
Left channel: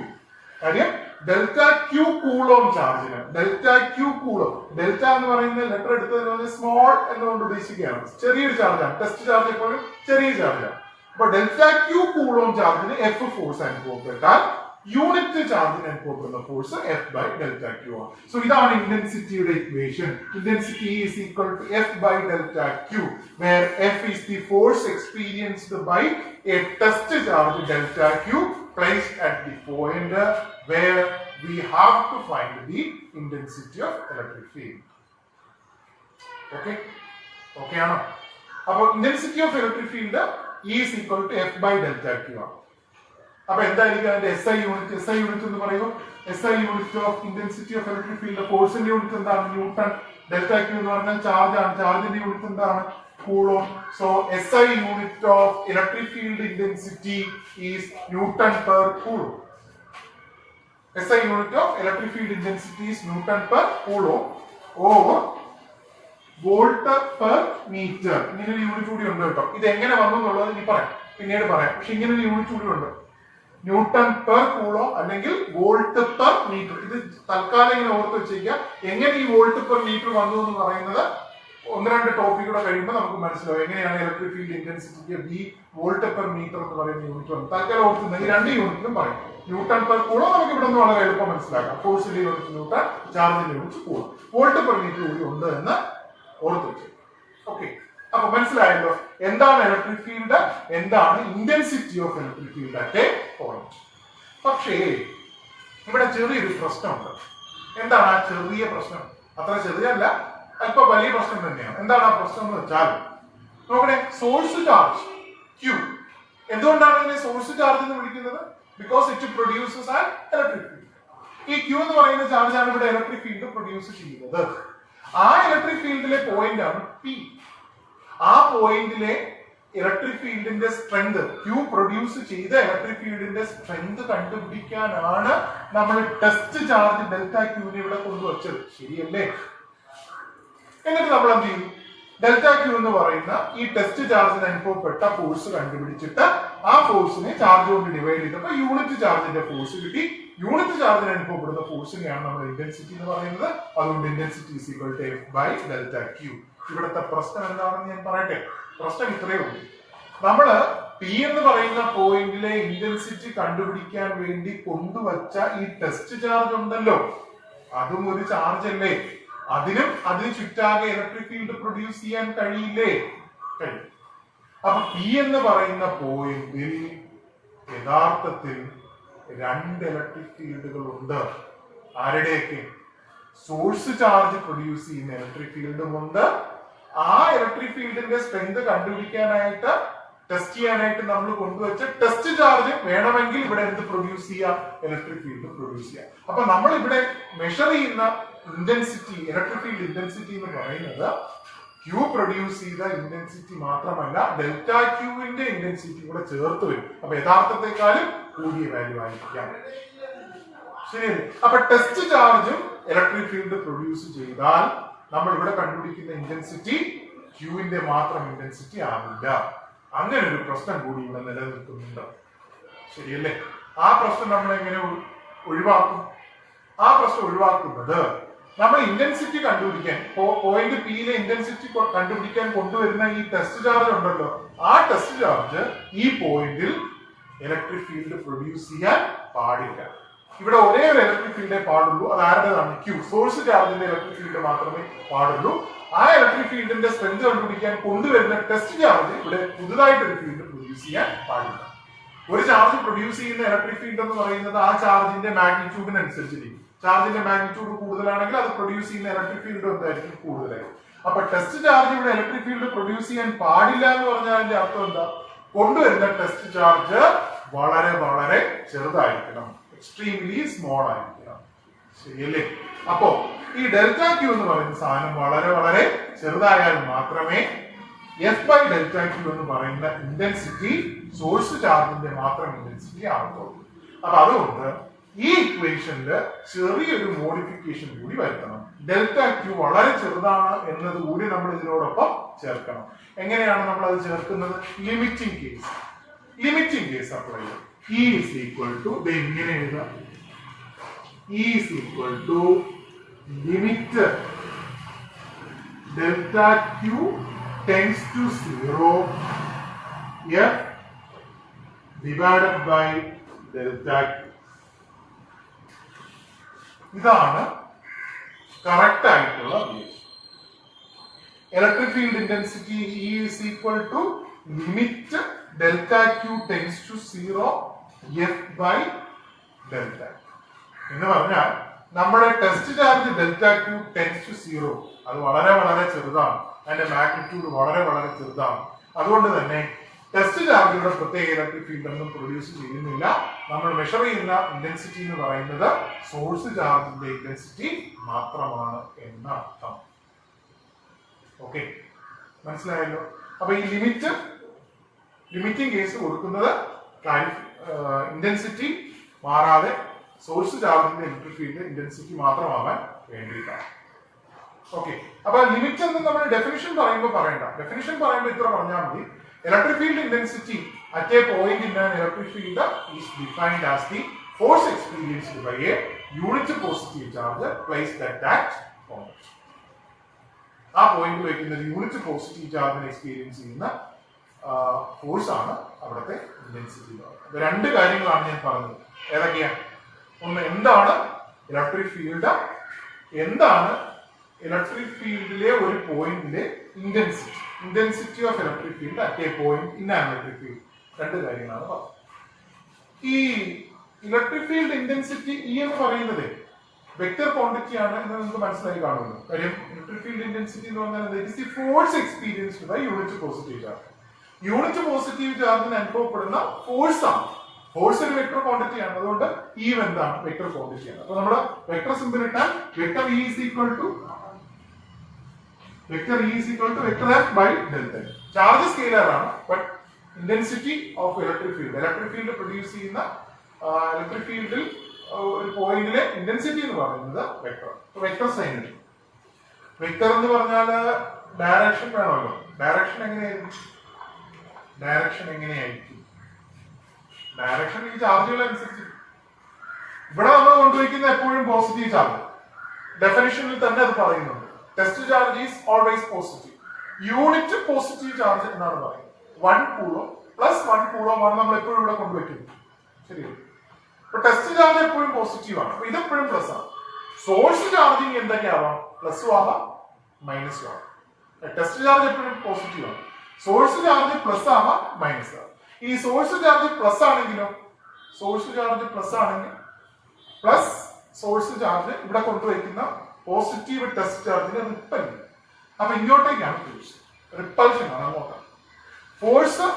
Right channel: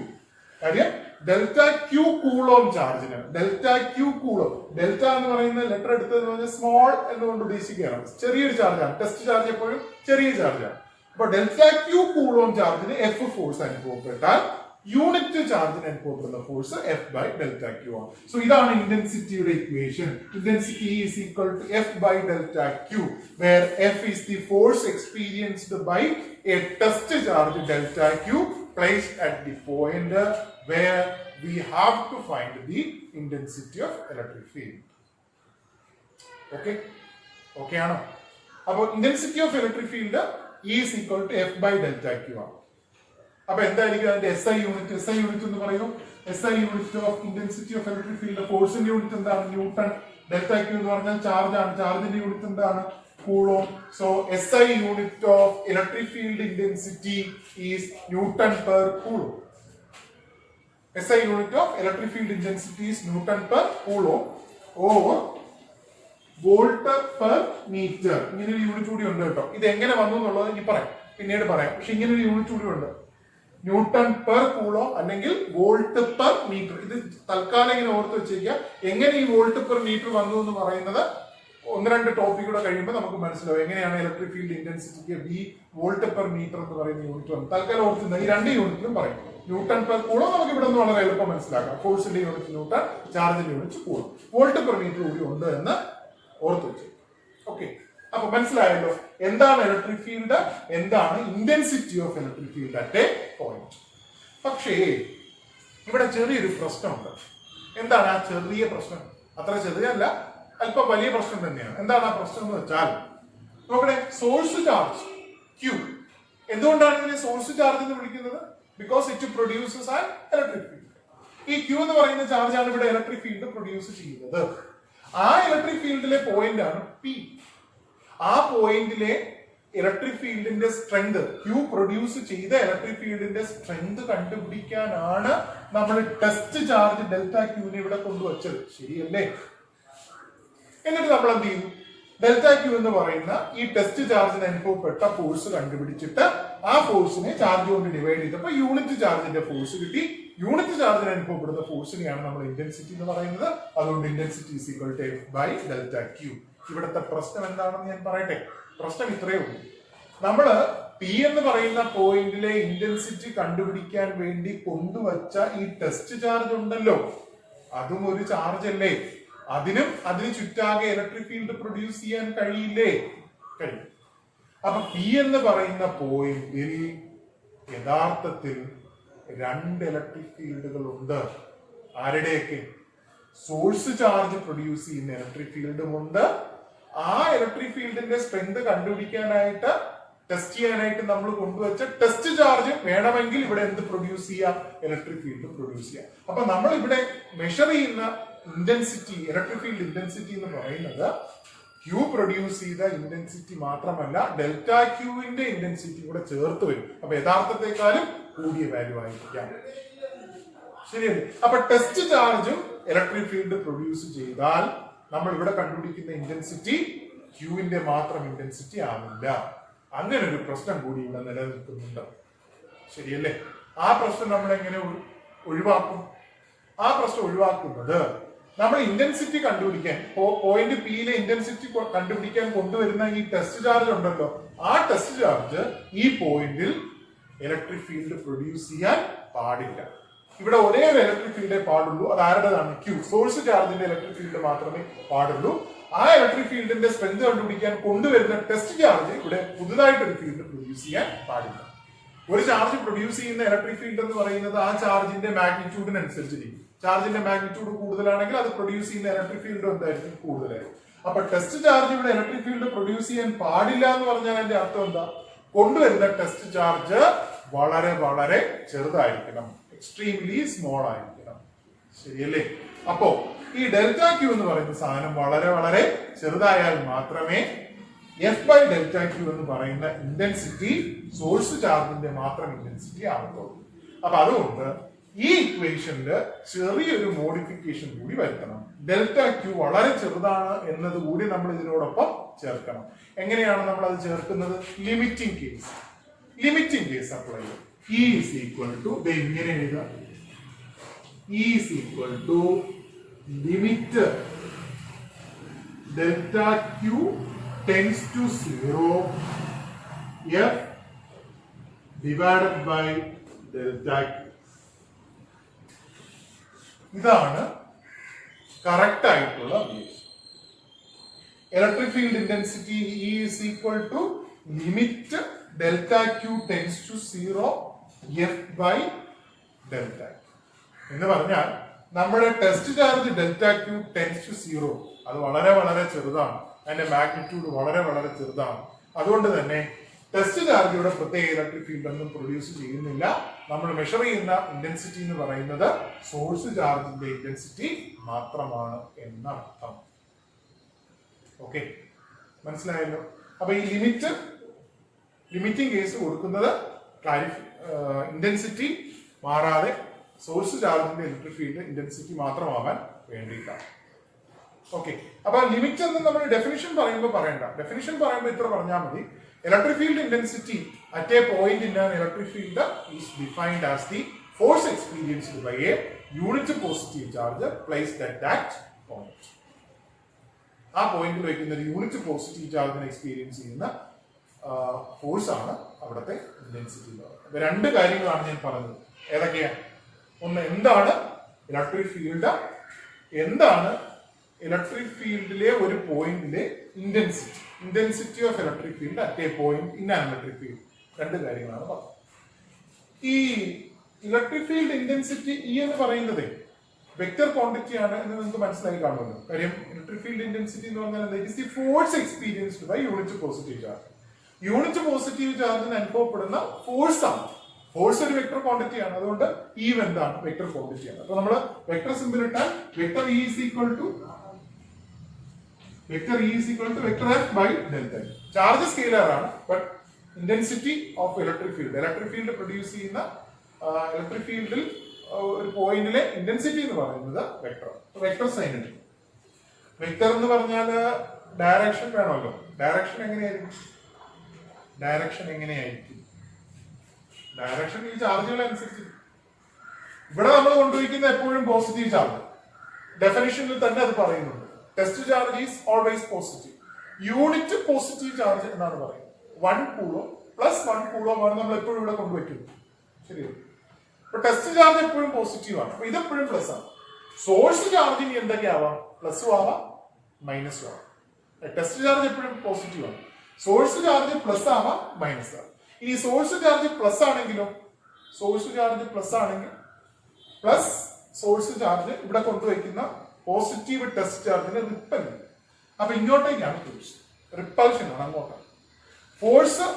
കാര്യം delta Q coulomb ചാർജിന്, delta Q coulomb, delta എന്ന് പറയുന്ന letter എടുത്തത് small എന്നുകൊണ്ട് ഉദ്ദേശിക്കുകയാണ്. ചെറിയൊരു ചാർജാണ്. Test charge എപ്പോഴും ചെറിയ ചാർജാണ്. അപ്പൊ ഡെൽറ്റ ക്യൂ കൂളോം ചാർജിന് എഫ് ഫോഴ്സ് അനുഭവപ്പെട്ടാൽ യൂണിറ്റ് ചാർജിന് അനുഭവപ്പെടുന്ന force F by delta Q ആണ്. സോ ഇതാണ് ഇന്റൻസിറ്റിയുടെ equation. Intensity is equal to F by delta Q, where F is the force experienced by a test charge delta Q placed at the point where we have to find the intensity of electric field. Okay? Okay ആണോ? അപ്പോൾ intensity of electric field is equal to F by delta Q ആണ്. അപ്പോൾ എന്തായിരിക്കും അതിന്റെ SI unit? SI unit എന്ന് പറയുമ്പോൾ SI unit of intensity of electric field, ഫോഴ്സിന്റെ unit എന്താണ്? ന്യൂട്ടൺ. ഡെൽറ്റ ക്യൂ എന്ന് പറഞ്ഞാൽ ചാർജ് ആണ്. ചാർജിന്റെ യൂണിറ്റ് എന്താണ്? Coulomb. So SI unit of electric field intensity is Newton per Coulomb. SI unit of electric field intensity is Newton per Coulomb over volt per metre. ഇങ്ങനെ ഒരു unit കൂടി ഉണ്ട് കേട്ടോ. ഇത് എങ്ങനെ വന്നു എന്നുള്ളത് ഇനി പറയാം, പിന്നീട് പറയാം. പക്ഷെ ഇങ്ങനെ ഒരു യൂണിറ്റ് കൂടി ഉണ്ട്, ന്യൂട്ടൺ പെർ കൂളോം അല്ലെങ്കിൽ വോൾട്ട് പെർ മീറ്റർ. ഇത് തൽക്കാലം ഇങ്ങനെ ഓർത്ത് വെച്ചേക്കുക. എങ്ങനെ ഈ വോൾട്ട് പെർ മീറ്റർ വന്നു എന്ന് പറയുന്നത് ഒന്ന് രണ്ട് ടോപ്പിക് കൂടെ കഴിയുമ്പോൾ നമുക്ക് മനസ്സിലാവും എങ്ങനെയാണ് ഇലക്ട്രിക് ഫീൽഡ് ഇന്റൻസിറ്റിക്ക് ബി വോൾട്ട് പെർ മീറ്റർ എന്ന് പറയുന്ന യൂണിറ്റ് വന്നു. തൽക്കാലം ഓർത്തുന്ന ഈ രണ്ട് യൂണിറ്റിലും പറയും. ന്യൂട്ടൺ പെർ കൂളോം നമുക്ക് ഇവിടെ നിന്ന് വളരെ എളുപ്പം മനസ്സിലാക്കാം. ഫോഴ്സിന്റെ യൂണിറ്റ് ന്യൂട്ടൺ, ചാർജിന്റെ unit coulomb. Volt per metre കൂടി ഉണ്ട് എന്ന് ഓർത്ത് വെച്ചു. ഓക്കെ, അപ്പൊ മനസ്സിലായല്ലോ എന്താണ് ഇലക്ട്രിക് ഫീൽഡ്, എന്താണ് intensity of electric field at a point. പക്ഷേ ഇവിടെ ചെറിയൊരു പ്രശ്നമുണ്ട്. എന്താണ് ആ ചെറിയ പ്രശ്നം? അത്ര ചെറിയല്ല, അല്പം വലിയ പ്രശ്നം തന്നെയാണ്. എന്താണ് ആ പ്രശ്നം എന്ന് വെച്ചാൽ, നോക്കണേ, സോഴ്സ് ചാർജ് Q. എന്തുകൊണ്ടാണ് ഇതിനെ സോഴ്സ് ചാർജ് എന്ന് വിളിക്കുന്നത്? Because it produces an electric field. ഈ Q എന്ന് പറയുന്ന ചാർജാണ് ഇവിടെ ഇലക്ട്രിക് ഫീൽഡ് പ്രൊഡ്യൂസ് ചെയ്യുന്നത്. ആ ഇലക്ട്രിക് ഫീൽഡിലെ പോയിന്റ് ആണ് P. ആ പോയിന്റിലെ ഇലക്ട്രിക് ഫീൽഡിന്റെ സ്ട്രെങ്ത്, Q പ്രൊഡ്യൂസ് ചെയ്ത ഇലക്ട്രിക് ഫീൽഡിന്റെ സ്ട്രെങ്ത് കണ്ടുപിടിക്കാനാണ് നമ്മൾ ടെസ്റ്റ് ചാർജ് ഡെൽറ്റ ക്യൂവിനെ ഇവിടെ കൊണ്ടുവച്ചത്. ശരിയല്ലേ? എന്നിട്ട് നമ്മൾ എന്ത് ചെയ്യും? ഡെൽറ്റ ക്യൂ എന്ന് പറയുന്ന ഈ ടെസ്റ്റ് ചാർജിന് അനുഭവപ്പെട്ട ഫോഴ്സ് കണ്ടുപിടിച്ചിട്ട് ആ ഫോഴ്സിനെ ചാർജ് കൊണ്ട് ഡിവൈഡ് ചെയ്തപ്പോൾ യൂണിറ്റ് ചാർജിന്റെ ഫോഴ്സ് കിട്ടി. യൂണിറ്റ് ചാർജിന് അനുഭവപ്പെടുന്ന ഫോഴ്സിനെയാണ് നമ്മൾ ഇന്റൻസിറ്റി എന്ന് പറയുന്നത്. അതുകൊണ്ട് intensity is equal to F by delta Q. ഇവിടുത്തെ പ്രശ്നം എന്താണെന്ന് ഞാൻ പറയട്ടെ. പ്രശ്നം ഇത്രയേ ഉള്ളൂ. നമ്മള് P എന്ന് പറയുന്ന പോയിന്റിലെ ഇന്റൻസിറ്റി കണ്ടുപിടിക്കാൻ വേണ്ടി കൊണ്ടുവച്ച ഈ ടെസ്റ്റ് ചാർജ് ഉണ്ടല്ലോ, അതും ഒരു ചാർജ് അല്ലേ? അതിന് ചുറ്റാകെ ഇലക്ട്രിക് ഫീൽഡ് പ്രൊഡ്യൂസ് ചെയ്യാൻ കഴിയില്ലേ? കഴിയും. അപ്പൊ P എന്ന് പറയുന്ന പോയിന്റിൽ യഥാർത്ഥത്തിൽ രണ്ട് ഇലക്ട്രിക് ഫീൽഡുകൾ ഉണ്ട്. ആരുടെയൊക്കെ? സോഴ്സ് ചാർജ് പ്രൊഡ്യൂസ് ചെയ്യുന്ന ഇലക്ട്രിക് ഫീൽഡും ഉണ്ട്. ആ ഇലക്ട്രിക് ഫീൽഡിന്റെ സ്ട്രെങ്ത് കണ്ടുപിടിക്കാനായിട്ട് ടെസ്റ്റ് ചെയ്യാനായിട്ട് നമ്മൾ കൊണ്ടുവച്ച ടെസ്റ്റ് ചാർജ് വേണമെങ്കിൽ ഇവിടെ എന്ത് പ്രൊഡ്യൂസ് ചെയ്യാം? ഇലക്ട്രിക് ഫീൽഡ് പ്രൊഡ്യൂസ് ചെയ്യാം. അപ്പൊ നമ്മൾ ഇവിടെ മെഷർ ചെയ്യുന്ന ഇന്റൻസിറ്റി, ഇലക്ട്രിക് ഫീൽഡ് ഇന്റൻസിറ്റി എന്ന് പറയുന്നത് Q പ്രൊഡ്യൂസ് ചെയ്ത ഇന്റൻസിറ്റി മാത്രമല്ല, ഡെൽറ്റ ക്യൂവിന്റെ ഇന്റൻസിറ്റി കൂടെ ചേർത്ത് വരും. അപ്പൊ യഥാർത്ഥത്തെക്കാളും കൂടിയ വാല്യൂ ആയിരിക്കാം. ശരിയല്ലേ? അപ്പൊ ടെസ്റ്റ് ചാർജും ഇലക്ട്രിക് ഫീൽഡ് പ്രൊഡ്യൂസ് ചെയ്താൽ നമ്മൾ ഇവിടെ കണ്ടുപിടിക്കുന്ന ഇന്റൻസിറ്റി ക്യൂവിന്റെ മാത്രം ഇന്റൻസിറ്റി ആവില്ല. അങ്ങനെ ഒരു പ്രശ്നം കൂടി ഇവിടെ നിലനിൽക്കുന്നുണ്ട്. ശരിയല്ലേ? ആ പ്രശ്നം നമ്മൾ എങ്ങനെ ഒഴിവാക്കും? ആ പ്രശ്നം ഒഴിവാക്കുന്നത് നമ്മൾ ഇന്റൻസിറ്റി കണ്ടുപിടിക്കാൻ, പോയിന്റ് പിയിലെ ഇന്റൻസിറ്റി കണ്ടുപിടിക്കാൻ കൊണ്ടുവരുന്ന ഈ ടെസ്റ്റ് ചാർജ് ഉണ്ടല്ലോ, ആ ടെസ്റ്റ് ചാർജ് ഈ പോയിന്റിൽ ഇലക്ട്രിക് ഫീൽഡ് പ്രൊഡ്യൂസ് ചെയ്യാൻ പാടില്ല. ഇവിടെ ഒരേ ഒരു ഇലക്ട്രിക് ഫീൽഡേ പാടുള്ളൂ. അത് ആരുടേതാണ്? Q. സോഴ്സ് ചാർജിന്റെ ഇലക്ട്രിക് ഫീൽഡ് മാത്രമേ പാടുള്ളൂ. ആ ഇലക്ട്രിക് ഫീൽഡിന്റെ സ്ട്രെങ്ത് കണ്ടുപിടിക്കാൻ കൊണ്ടുവരുന്ന ടെസ്റ്റ് ചാർജ് ഇവിടെ പുതുതായിട്ടൊരു ഫീൽഡ് പ്രൊഡ്യൂസ് ചെയ്യാൻ പാടില്ല. ഒരു ചാർജ് പ്രൊഡ്യൂസ് ചെയ്യുന്ന ഇലക്ട്രിക് ഫീൽഡ് എന്ന് പറയുന്നത് ആ ചാർജിന്റെ മാഗ്നിറ്റ്യൂഡിനനുസരിച്ചിരിക്കും. ചാർജിന്റെ മാഗ്നിറ്റ്യൂഡ് കൂടുതലാണെങ്കിൽ അത് പ്രൊഡ്യൂസ് ചെയ്യുന്ന ഇലക്ട്രിക് ഫീൽഡ് എന്തായിരിക്കും? കൂടുതലായിരിക്കും. അപ്പൊ ടെസ്റ്റ് ചാർജ് ഇവിടെ ഇലക്ട്രിക് ഫീൽഡ് പ്രൊഡ്യൂസ് ചെയ്യാൻ പാടില്ല എന്ന് പറഞ്ഞാൽ അതിന്റെ അർത്ഥം എന്താ? കൊണ്ടുവരുന്ന ടെസ്റ്റ് ചാർജ് വളരെ വളരെ ചെറുതായിരിക്കണം, എക്സ്ട്രീംലി സ്മോൾ ആയിരിക്കണം. ശരിയല്ലേ? അപ്പോ ഈ ഡെൽറ്റ ക്യൂ എന്ന് പറയുന്ന സാധനം വളരെ വളരെ ചെറുതായാൽ മാത്രമേ F ബൈ ഡെൽറ്റ ക്യൂ എന്ന് പറയുന്ന ഇന്റൻസിറ്റി സോഴ്സ് ചാർജിന്റെ മാത്രം ഇന്റൻസിറ്റി ആവത്തുള്ളൂ. അപ്പൊ അതുകൊണ്ട് ഈ ഇക്വേഷനില് ചെറിയൊരു മോഡിഫിക്കേഷൻ കൂടി വരുത്തണം. ഡെൽറ്റ ക്യൂ വളരെ ചെറുതാണ് എന്നത് കൂടി നമ്മൾ ഇതിനോടൊപ്പം ചേർക്കണം. എങ്ങനെയാണ് നമ്മൾ അത് ചേർക്കുന്നത്? ലിമിറ്റിംഗ് കേസ് അപ്ലൈ ചെയ്യും. E is equal to ഇങ്ങനെ എഴുതാം. E is equal to limit delta Q tends to 0 F divided by delta Q. ഇതാണ് കറക്റ്റ് ആയിട്ടുള്ള electric field intensity. E is equal to limit delta Q tends to 0 F by delta. എന്ന് പറഞ്ഞാൽ നമ്മുടെ test charge delta Q tends to 0 അത് വളരെ വളരെ ചെറുതാണ്. അതിന്റെ മാഗ്നിറ്റ്യൂഡ് വളരെ വളരെ ചെറുതാണ്. അതുകൊണ്ട് തന്നെ ടെസ്റ്റ് ചാർജിയുടെ പ്രത്യേക ഇലക്ട്രിക് ഫീൽഡ് ഒന്നും പ്രൊഡ്യൂസ് ചെയ്യുന്നില്ല. നമ്മൾ മെഷർ ചെയ്യുന്ന ഇന്റൻസിറ്റി എന്ന് പറയുന്നത് സോഴ്സ് ചാർജിന്റെ ഇന്റൻസിറ്റി മാത്രമാണ് എന്ന അർത്ഥം. ഓക്കെ, മനസ്സിലായല്ലോ? അപ്പൊ ഈ ലിമിറ്റിംഗ് കേസ് കൊടുക്കുന്നത് ഇന്റൻസിറ്റി മാറാതെ സോഴ്സ് ചാർജിന്റെ ഇലക്ട്രിക് ഫീൽഡ് ഇന്റൻസിറ്റി മാത്രമാവാൻ വേണ്ടിയിട്ടാണ്. ഓക്കെ, അപ്പൊ ലിമിറ്റ് എന്ന് നമ്മൾ ഡെഫിനിഷൻ പറയുമ്പോൾ പറയണ്ട. ഡെഫിനിഷൻ പറയുമ്പോൾ ഇത്ര പറഞ്ഞാൽ മതി. Electric field intensity at a point in an electric field is defined as the force experienced by a unit positive charge placed at point. ആ പോയിന്റിൽ വയ്ക്കുന്ന ഒരു യൂണിറ്റ് പോസിറ്റീവ് ചാർജിനെ എക്സ്പീരിയൻസ് ചെയ്യുന്ന ഫോഴ്സ് ആണ് അവിടുത്തെ ഇന്റൻസിറ്റി. അപ്പൊ രണ്ട് കാര്യങ്ങളാണ് ഞാൻ പറഞ്ഞത്. ഏതൊക്കെയാണ്? ഒന്ന്, എന്താണ് ഇലക്ട്രിക് ഫീൽഡ്, എന്താണ് ഇലക്ട്രിക് ഫീൽഡിലെ ഒരു പോയിന്റിലെ intensity of electric field at a point in an electric field. രണ്ട് കാര്യങ്ങളാണ് പറഞ്ഞത്. ഈ ഇലക്ട്രിക് ഫീൽഡ് ഇന്റൻസിറ്റി ഇ എന്ന് പറയുന്നത് വെക്ടർ ക്വാണ്ടിറ്റി ആണ് എന്ന് നിങ്ങൾക്ക് മനസ്സിലായി കാണുമല്ലോ. കാര്യം ഇലക്ട്രിക് ഫീൽഡ് ഇന്റൻസിറ്റി എന്ന് പറഞ്ഞാൽ it is the force experienced by unit positive charge. Unit positive ചാർജിന് അനുഭവപ്പെടുന്ന ഫോഴ്സ് ആണ്. ഫോഴ്സ് ഒരു വെക്ടർ ക്വാണ്ടിറ്റി ആണ്, അതുകൊണ്ട് ഈ എന്താണ് വെക്ടർ ക്വാണ്ടിറ്റി ആണ്. അപ്പൊ നമ്മൾ വെക്ടർ സിമ്പിൾ ഇട്ടാൽ vector E is equal to vector F by delta. Charge scalar ആണ്, but intensity of electric field produce ചെയ്യുന്ന ഇലക്ട്രിക് ഫീൽഡിൽ ഒരു പോയിന്റിലെ ഇന്റൻസിറ്റി എന്ന് പറയുന്നത് വെക്ടർ സൈൻ എടുക്കും. വെക്ടർ എന്ന് പറഞ്ഞാൽ ഡയറക്ഷൻ വേണമല്ലോ. ഡയറക്ഷൻ എങ്ങനെയായിരിക്കും? ഡയറക്ഷൻ ഈ ചാർജുകൾ അനുസരിച്ച്. ഇവിടെ നമ്മൾ കൊണ്ടുവയ്ക്കുന്ന എപ്പോഴും പോസിറ്റീവ് ചാർജ്. ഡെഫിനിഷനിൽ തന്നെ അത് പറയുന്നുണ്ട്. Test charge is always positive. Unit positive charge എന്നാണ് പറയുന്നത്. 1 കൂളോം പ്ലസ് 1 കൂളോം ആണ് നമ്മൾ എപ്പോഴും ഇവിടെ കൊണ്ടുവയ്ക്കുന്നത്. ശരിയല്ലേ? അപ്പൊ ടെസ്റ്റ് ചാർജ് എപ്പോഴും പോസിറ്റീവ് ആണ്. അപ്പൊ ഇതെപ്പോഴും പ്ലസ് ആണ്. സോഴ്സ് ചാർജിങ് എന്തൊക്കെയാവാം? പ്ലസും ആവാം, മൈനസും ആവാം. ടെസ്റ്റ് ചാർജ് എപ്പോഴും പോസിറ്റീവ് ആണ്. സോഴ്സ് ചാർജ് പ്ലസ് ആവാം, മൈനസ് ആവാം. ഈ സോഴ്സ് ചാർജ് പ്ലസ് ആണെങ്കിലോ, സോഴ്സ് ചാർജ് ഇവിടെ കൊണ്ടുവയ്ക്കുന്ന പോസിറ്റീവ് ടെസ്റ്റ് ചാർജിന് റിപ്പൽ. അപ്പൊ ഇങ്ങോട്ടേക്കാണ് ഫോഴ്സ്, റിപ്പൽഷൻ ആണ് അങ്ങോട്ടാണ്. ഫോഴ്സ്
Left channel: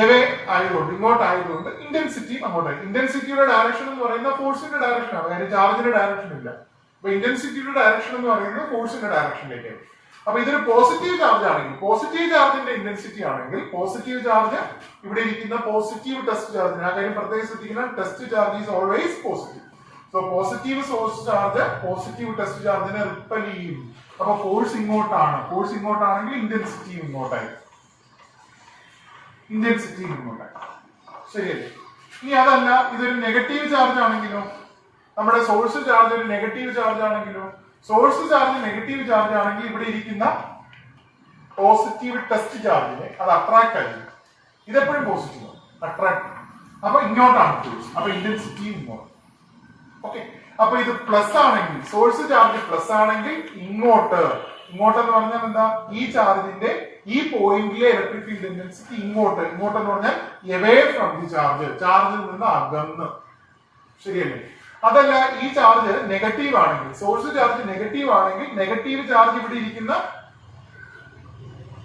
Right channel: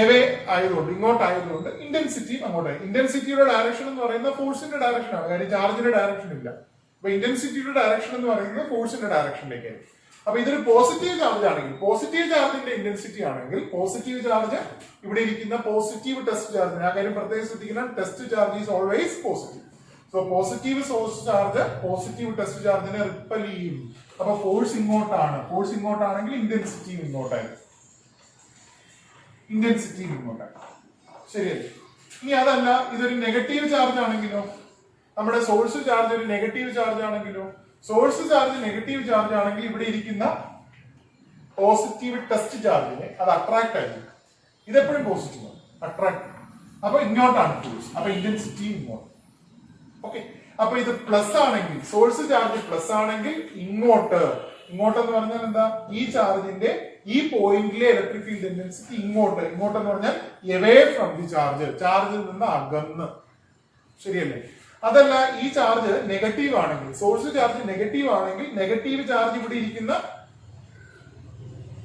എവേ ആയതുകൊണ്ട്, ഇങ്ങോട്ടായതുകൊണ്ട് ഇന്റൻസിറ്റി അങ്ങോട്ടായി. ഇന്റൻസിറ്റിയുടെ ഡയറക്ഷൻ എന്ന് പറയുന്ന ഫോഴ്സിന്റെ ഡയറക്ഷൻ ആണ്, കാര്യം ചാർജിന്റെ ഡയറക്ഷൻ ഇല്ല. അപ്പൊ ഇന്റൻസിറ്റിയുടെ ഡയറക്ഷൻ എന്ന് പറയുന്നത് ഫോഴ്സിന്റെ ഡയറക്ഷനിലേക്കാണ്. അപ്പൊ ഇതൊരു പോസിറ്റീവ് ചാർജ് ആണെങ്കിൽ, പോസിറ്റീവ് ചാർജിന്റെ ഇന്റൻസിറ്റി ആണെങ്കിൽ, പോസിറ്റീവ് ചാർജ് ഇവിടെ ഇരിക്കുന്ന പോസിറ്റീവ് ടെസ്റ്റ് ചാർജിന്, ആ കാര്യം പ്രത്യേകിച്ച് ശ്രദ്ധിക്കുന്ന, test charge is always positive. So positive source charge positive test ചാർജിനെ റിപ്പൽ ചെയ്യും. അപ്പൊ ഫോഴ്സ് ഇങ്ങോട്ടാണ്. ഫോഴ്സ് ഇങ്ങോട്ടാണെങ്കിൽ ഇന്റൻസിറ്റി ഇങ്ങോട്ടായി. ശരിയല്ലേ? ഇനി അതല്ല, ഇതൊരു നെഗറ്റീവ് ചാർജ് ആണെങ്കിലോ, നമ്മുടെ സോഴ്സ് ചാർജ് ഒരു നെഗറ്റീവ് ചാർജ് ആണെങ്കിലോ, സോഴ്സ് ചാർജ് നെഗറ്റീവ് ചാർജ് ആണെങ്കിൽ ഇവിടെ ഇരിക്കുന്ന പോസിറ്റീവ് ടെസ്റ്റ് ചാർജിനെ അത് അട്രാക്ട് ആയിരിക്കും. ഇതെപ്പോഴും പോസിറ്റീവ് ആണ്, അട്രാക്ട്. അപ്പൊ ഇങ്ങോട്ടാണ് ഫോഴ്സ്. അപ്പൊ ഇന്റൻസിറ്റി ഇങ്ങോട്ട്. ഓക്കെ, അപ്പൊ ഇത് പ്ലസ് ആണെങ്കിൽ, സോഴ്സ് ചാർജ് പ്ലസ് ആണെങ്കിൽ ഇങ്ങോട്ടെന്ന് പറഞ്ഞാൽ എന്താ? ഈ ചാർജിന്റെ ഈ പോയിന്റിലെ ഇലക്ട്രിക് ഫീൽഡ് ഇന്റൻസിറ്റി ഇങ്ങോട്ടെന്ന് പറഞ്ഞാൽ എവേ ഫ്രം ദി ചാർജിൽ നിന്ന് അകന്ന്. ശരിയല്ലേ? അതല്ല, ഈ ചാർജ് നെഗറ്റീവ് ആണെങ്കിൽ, സോഴ്സ് ചാർജ് നെഗറ്റീവ് ആണെങ്കിൽ, നെഗറ്റീവ് ചാർജ് ഇവിടെ ഇരിക്കുന്ന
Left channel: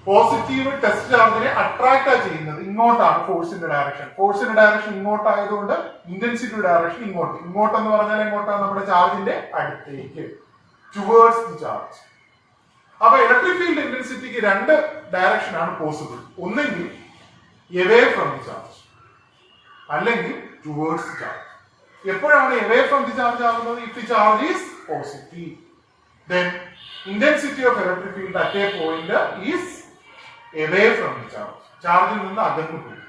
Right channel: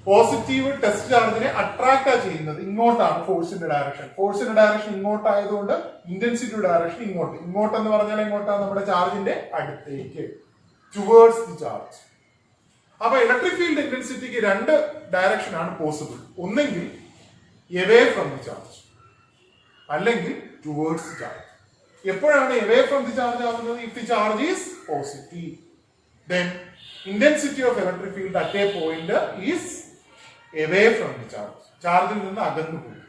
പോസിറ്റീവ് ടെസ്റ്റ് ചാർജിനെ അട്രാക്ട് ചെയ്യുന്നത് ഇങ്ങോട്ടാണ്. ഫോഴ്സിന്റെ ഡയറക്ഷൻ ഇങ്ങോട്ടായതുകൊണ്ട് ഇന്റൻസിറ്റിയുടെ ഡയറക്ഷൻ ഇങ്ങോട്ടെന്ന് പറഞ്ഞാൽ എങ്ങോട്ടാണ്? നമ്മുടെ ചാർജിന്റെ അടുത്തേക്ക്, ടുവേർഡ്സ് ദി ചാർജ്. അപ്പൊ ഇലക്ട്രിക് ഫീൽഡ് ഇന്റൻസിറ്റിക്ക് രണ്ട് ഡയറക്ഷൻ ആണ് പോസിബിൾ. ഒന്നെങ്കിൽ എവേ ഫ്രം ദി ചാർജ്, അല്ലെങ്കിൽ ടുവേർഡ്സ് ദി ചാർജ്. എപ്പോഴാണ് എവേ ഫ്രം ദി ചാർജ് ആവുന്നത്? If the charge is positive, then intensity of electric field at a point is away from the charge. ചാർജിൽ നിന്ന് അകന്നു പോയി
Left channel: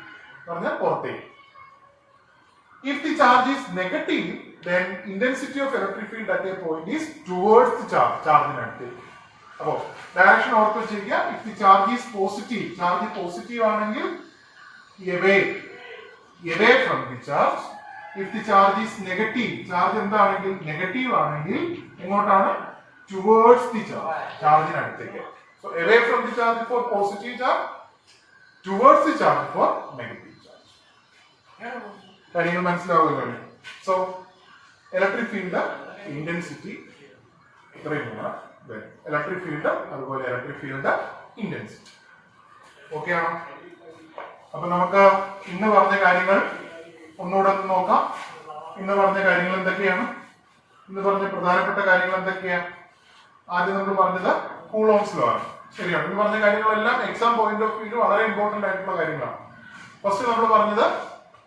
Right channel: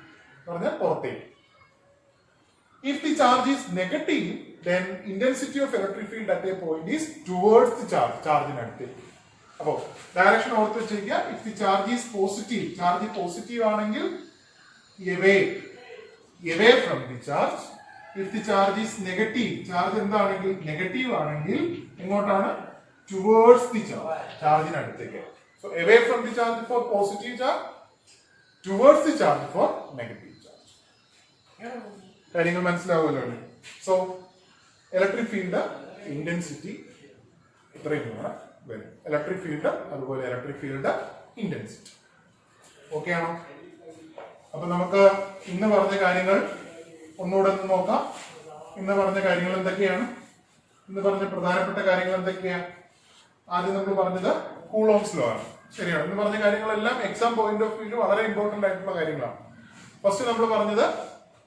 പറഞ്ഞാൽ പുറത്തേക്ക്. If the charge is negative, then intensity of electric field at a point is towards the charge. ചാർജിനടുത്തേക്ക്. അപ്പോ direction ഓർത്ത് വെച്ചിരിക്കുക. If the charge is positive, charge positive ആണെങ്കിൽ away from the charge. If the charge is negative, charge എന്താണെങ്കിൽ negative ആണെങ്കിൽ എങ്ങോട്ടാണ്? Towards the charge, ചാർജിനടുത്തേക്ക്. So away from the charge for positive charge, towards the charge for negative charge. കാര്യങ്ങൾ മനസ്സിലാവുമല്ലോ? So electric field intensity ഇത്രയും വരും. Electric field അതുപോലെ electric field intensity. Okay ആണോ? അപ്പൊ നമുക്ക് ഇന്ന് പറഞ്ഞ കാര്യങ്ങൾ ഒന്നുകൂടെ ഒന്ന് നോക്കാം. ഇന്ന് പറഞ്ഞ കാര്യങ്ങൾ എന്തൊക്കെയാണ്? ഇന്ന് പറഞ്ഞ പ്രധാനപ്പെട്ട കാര്യങ്ങൾ എന്തൊക്കെയാണ്? ആദ്യം നമ്മൾ പറഞ്ഞത് കൂളോംസ് ലോ ആണ്. ശരിയാണ്. ഇന്ന് പറഞ്ഞ കാര്യങ്ങളെല്ലാം എക്സാം പോയിന്റ് ഓഫ് വ്യൂ വളരെ ഇമ്പോർട്ടന്റ് ആയിട്ടുള്ള കാര്യങ്ങളാണ്. ഫസ്റ്റ് നമ്മൾ പറഞ്ഞത്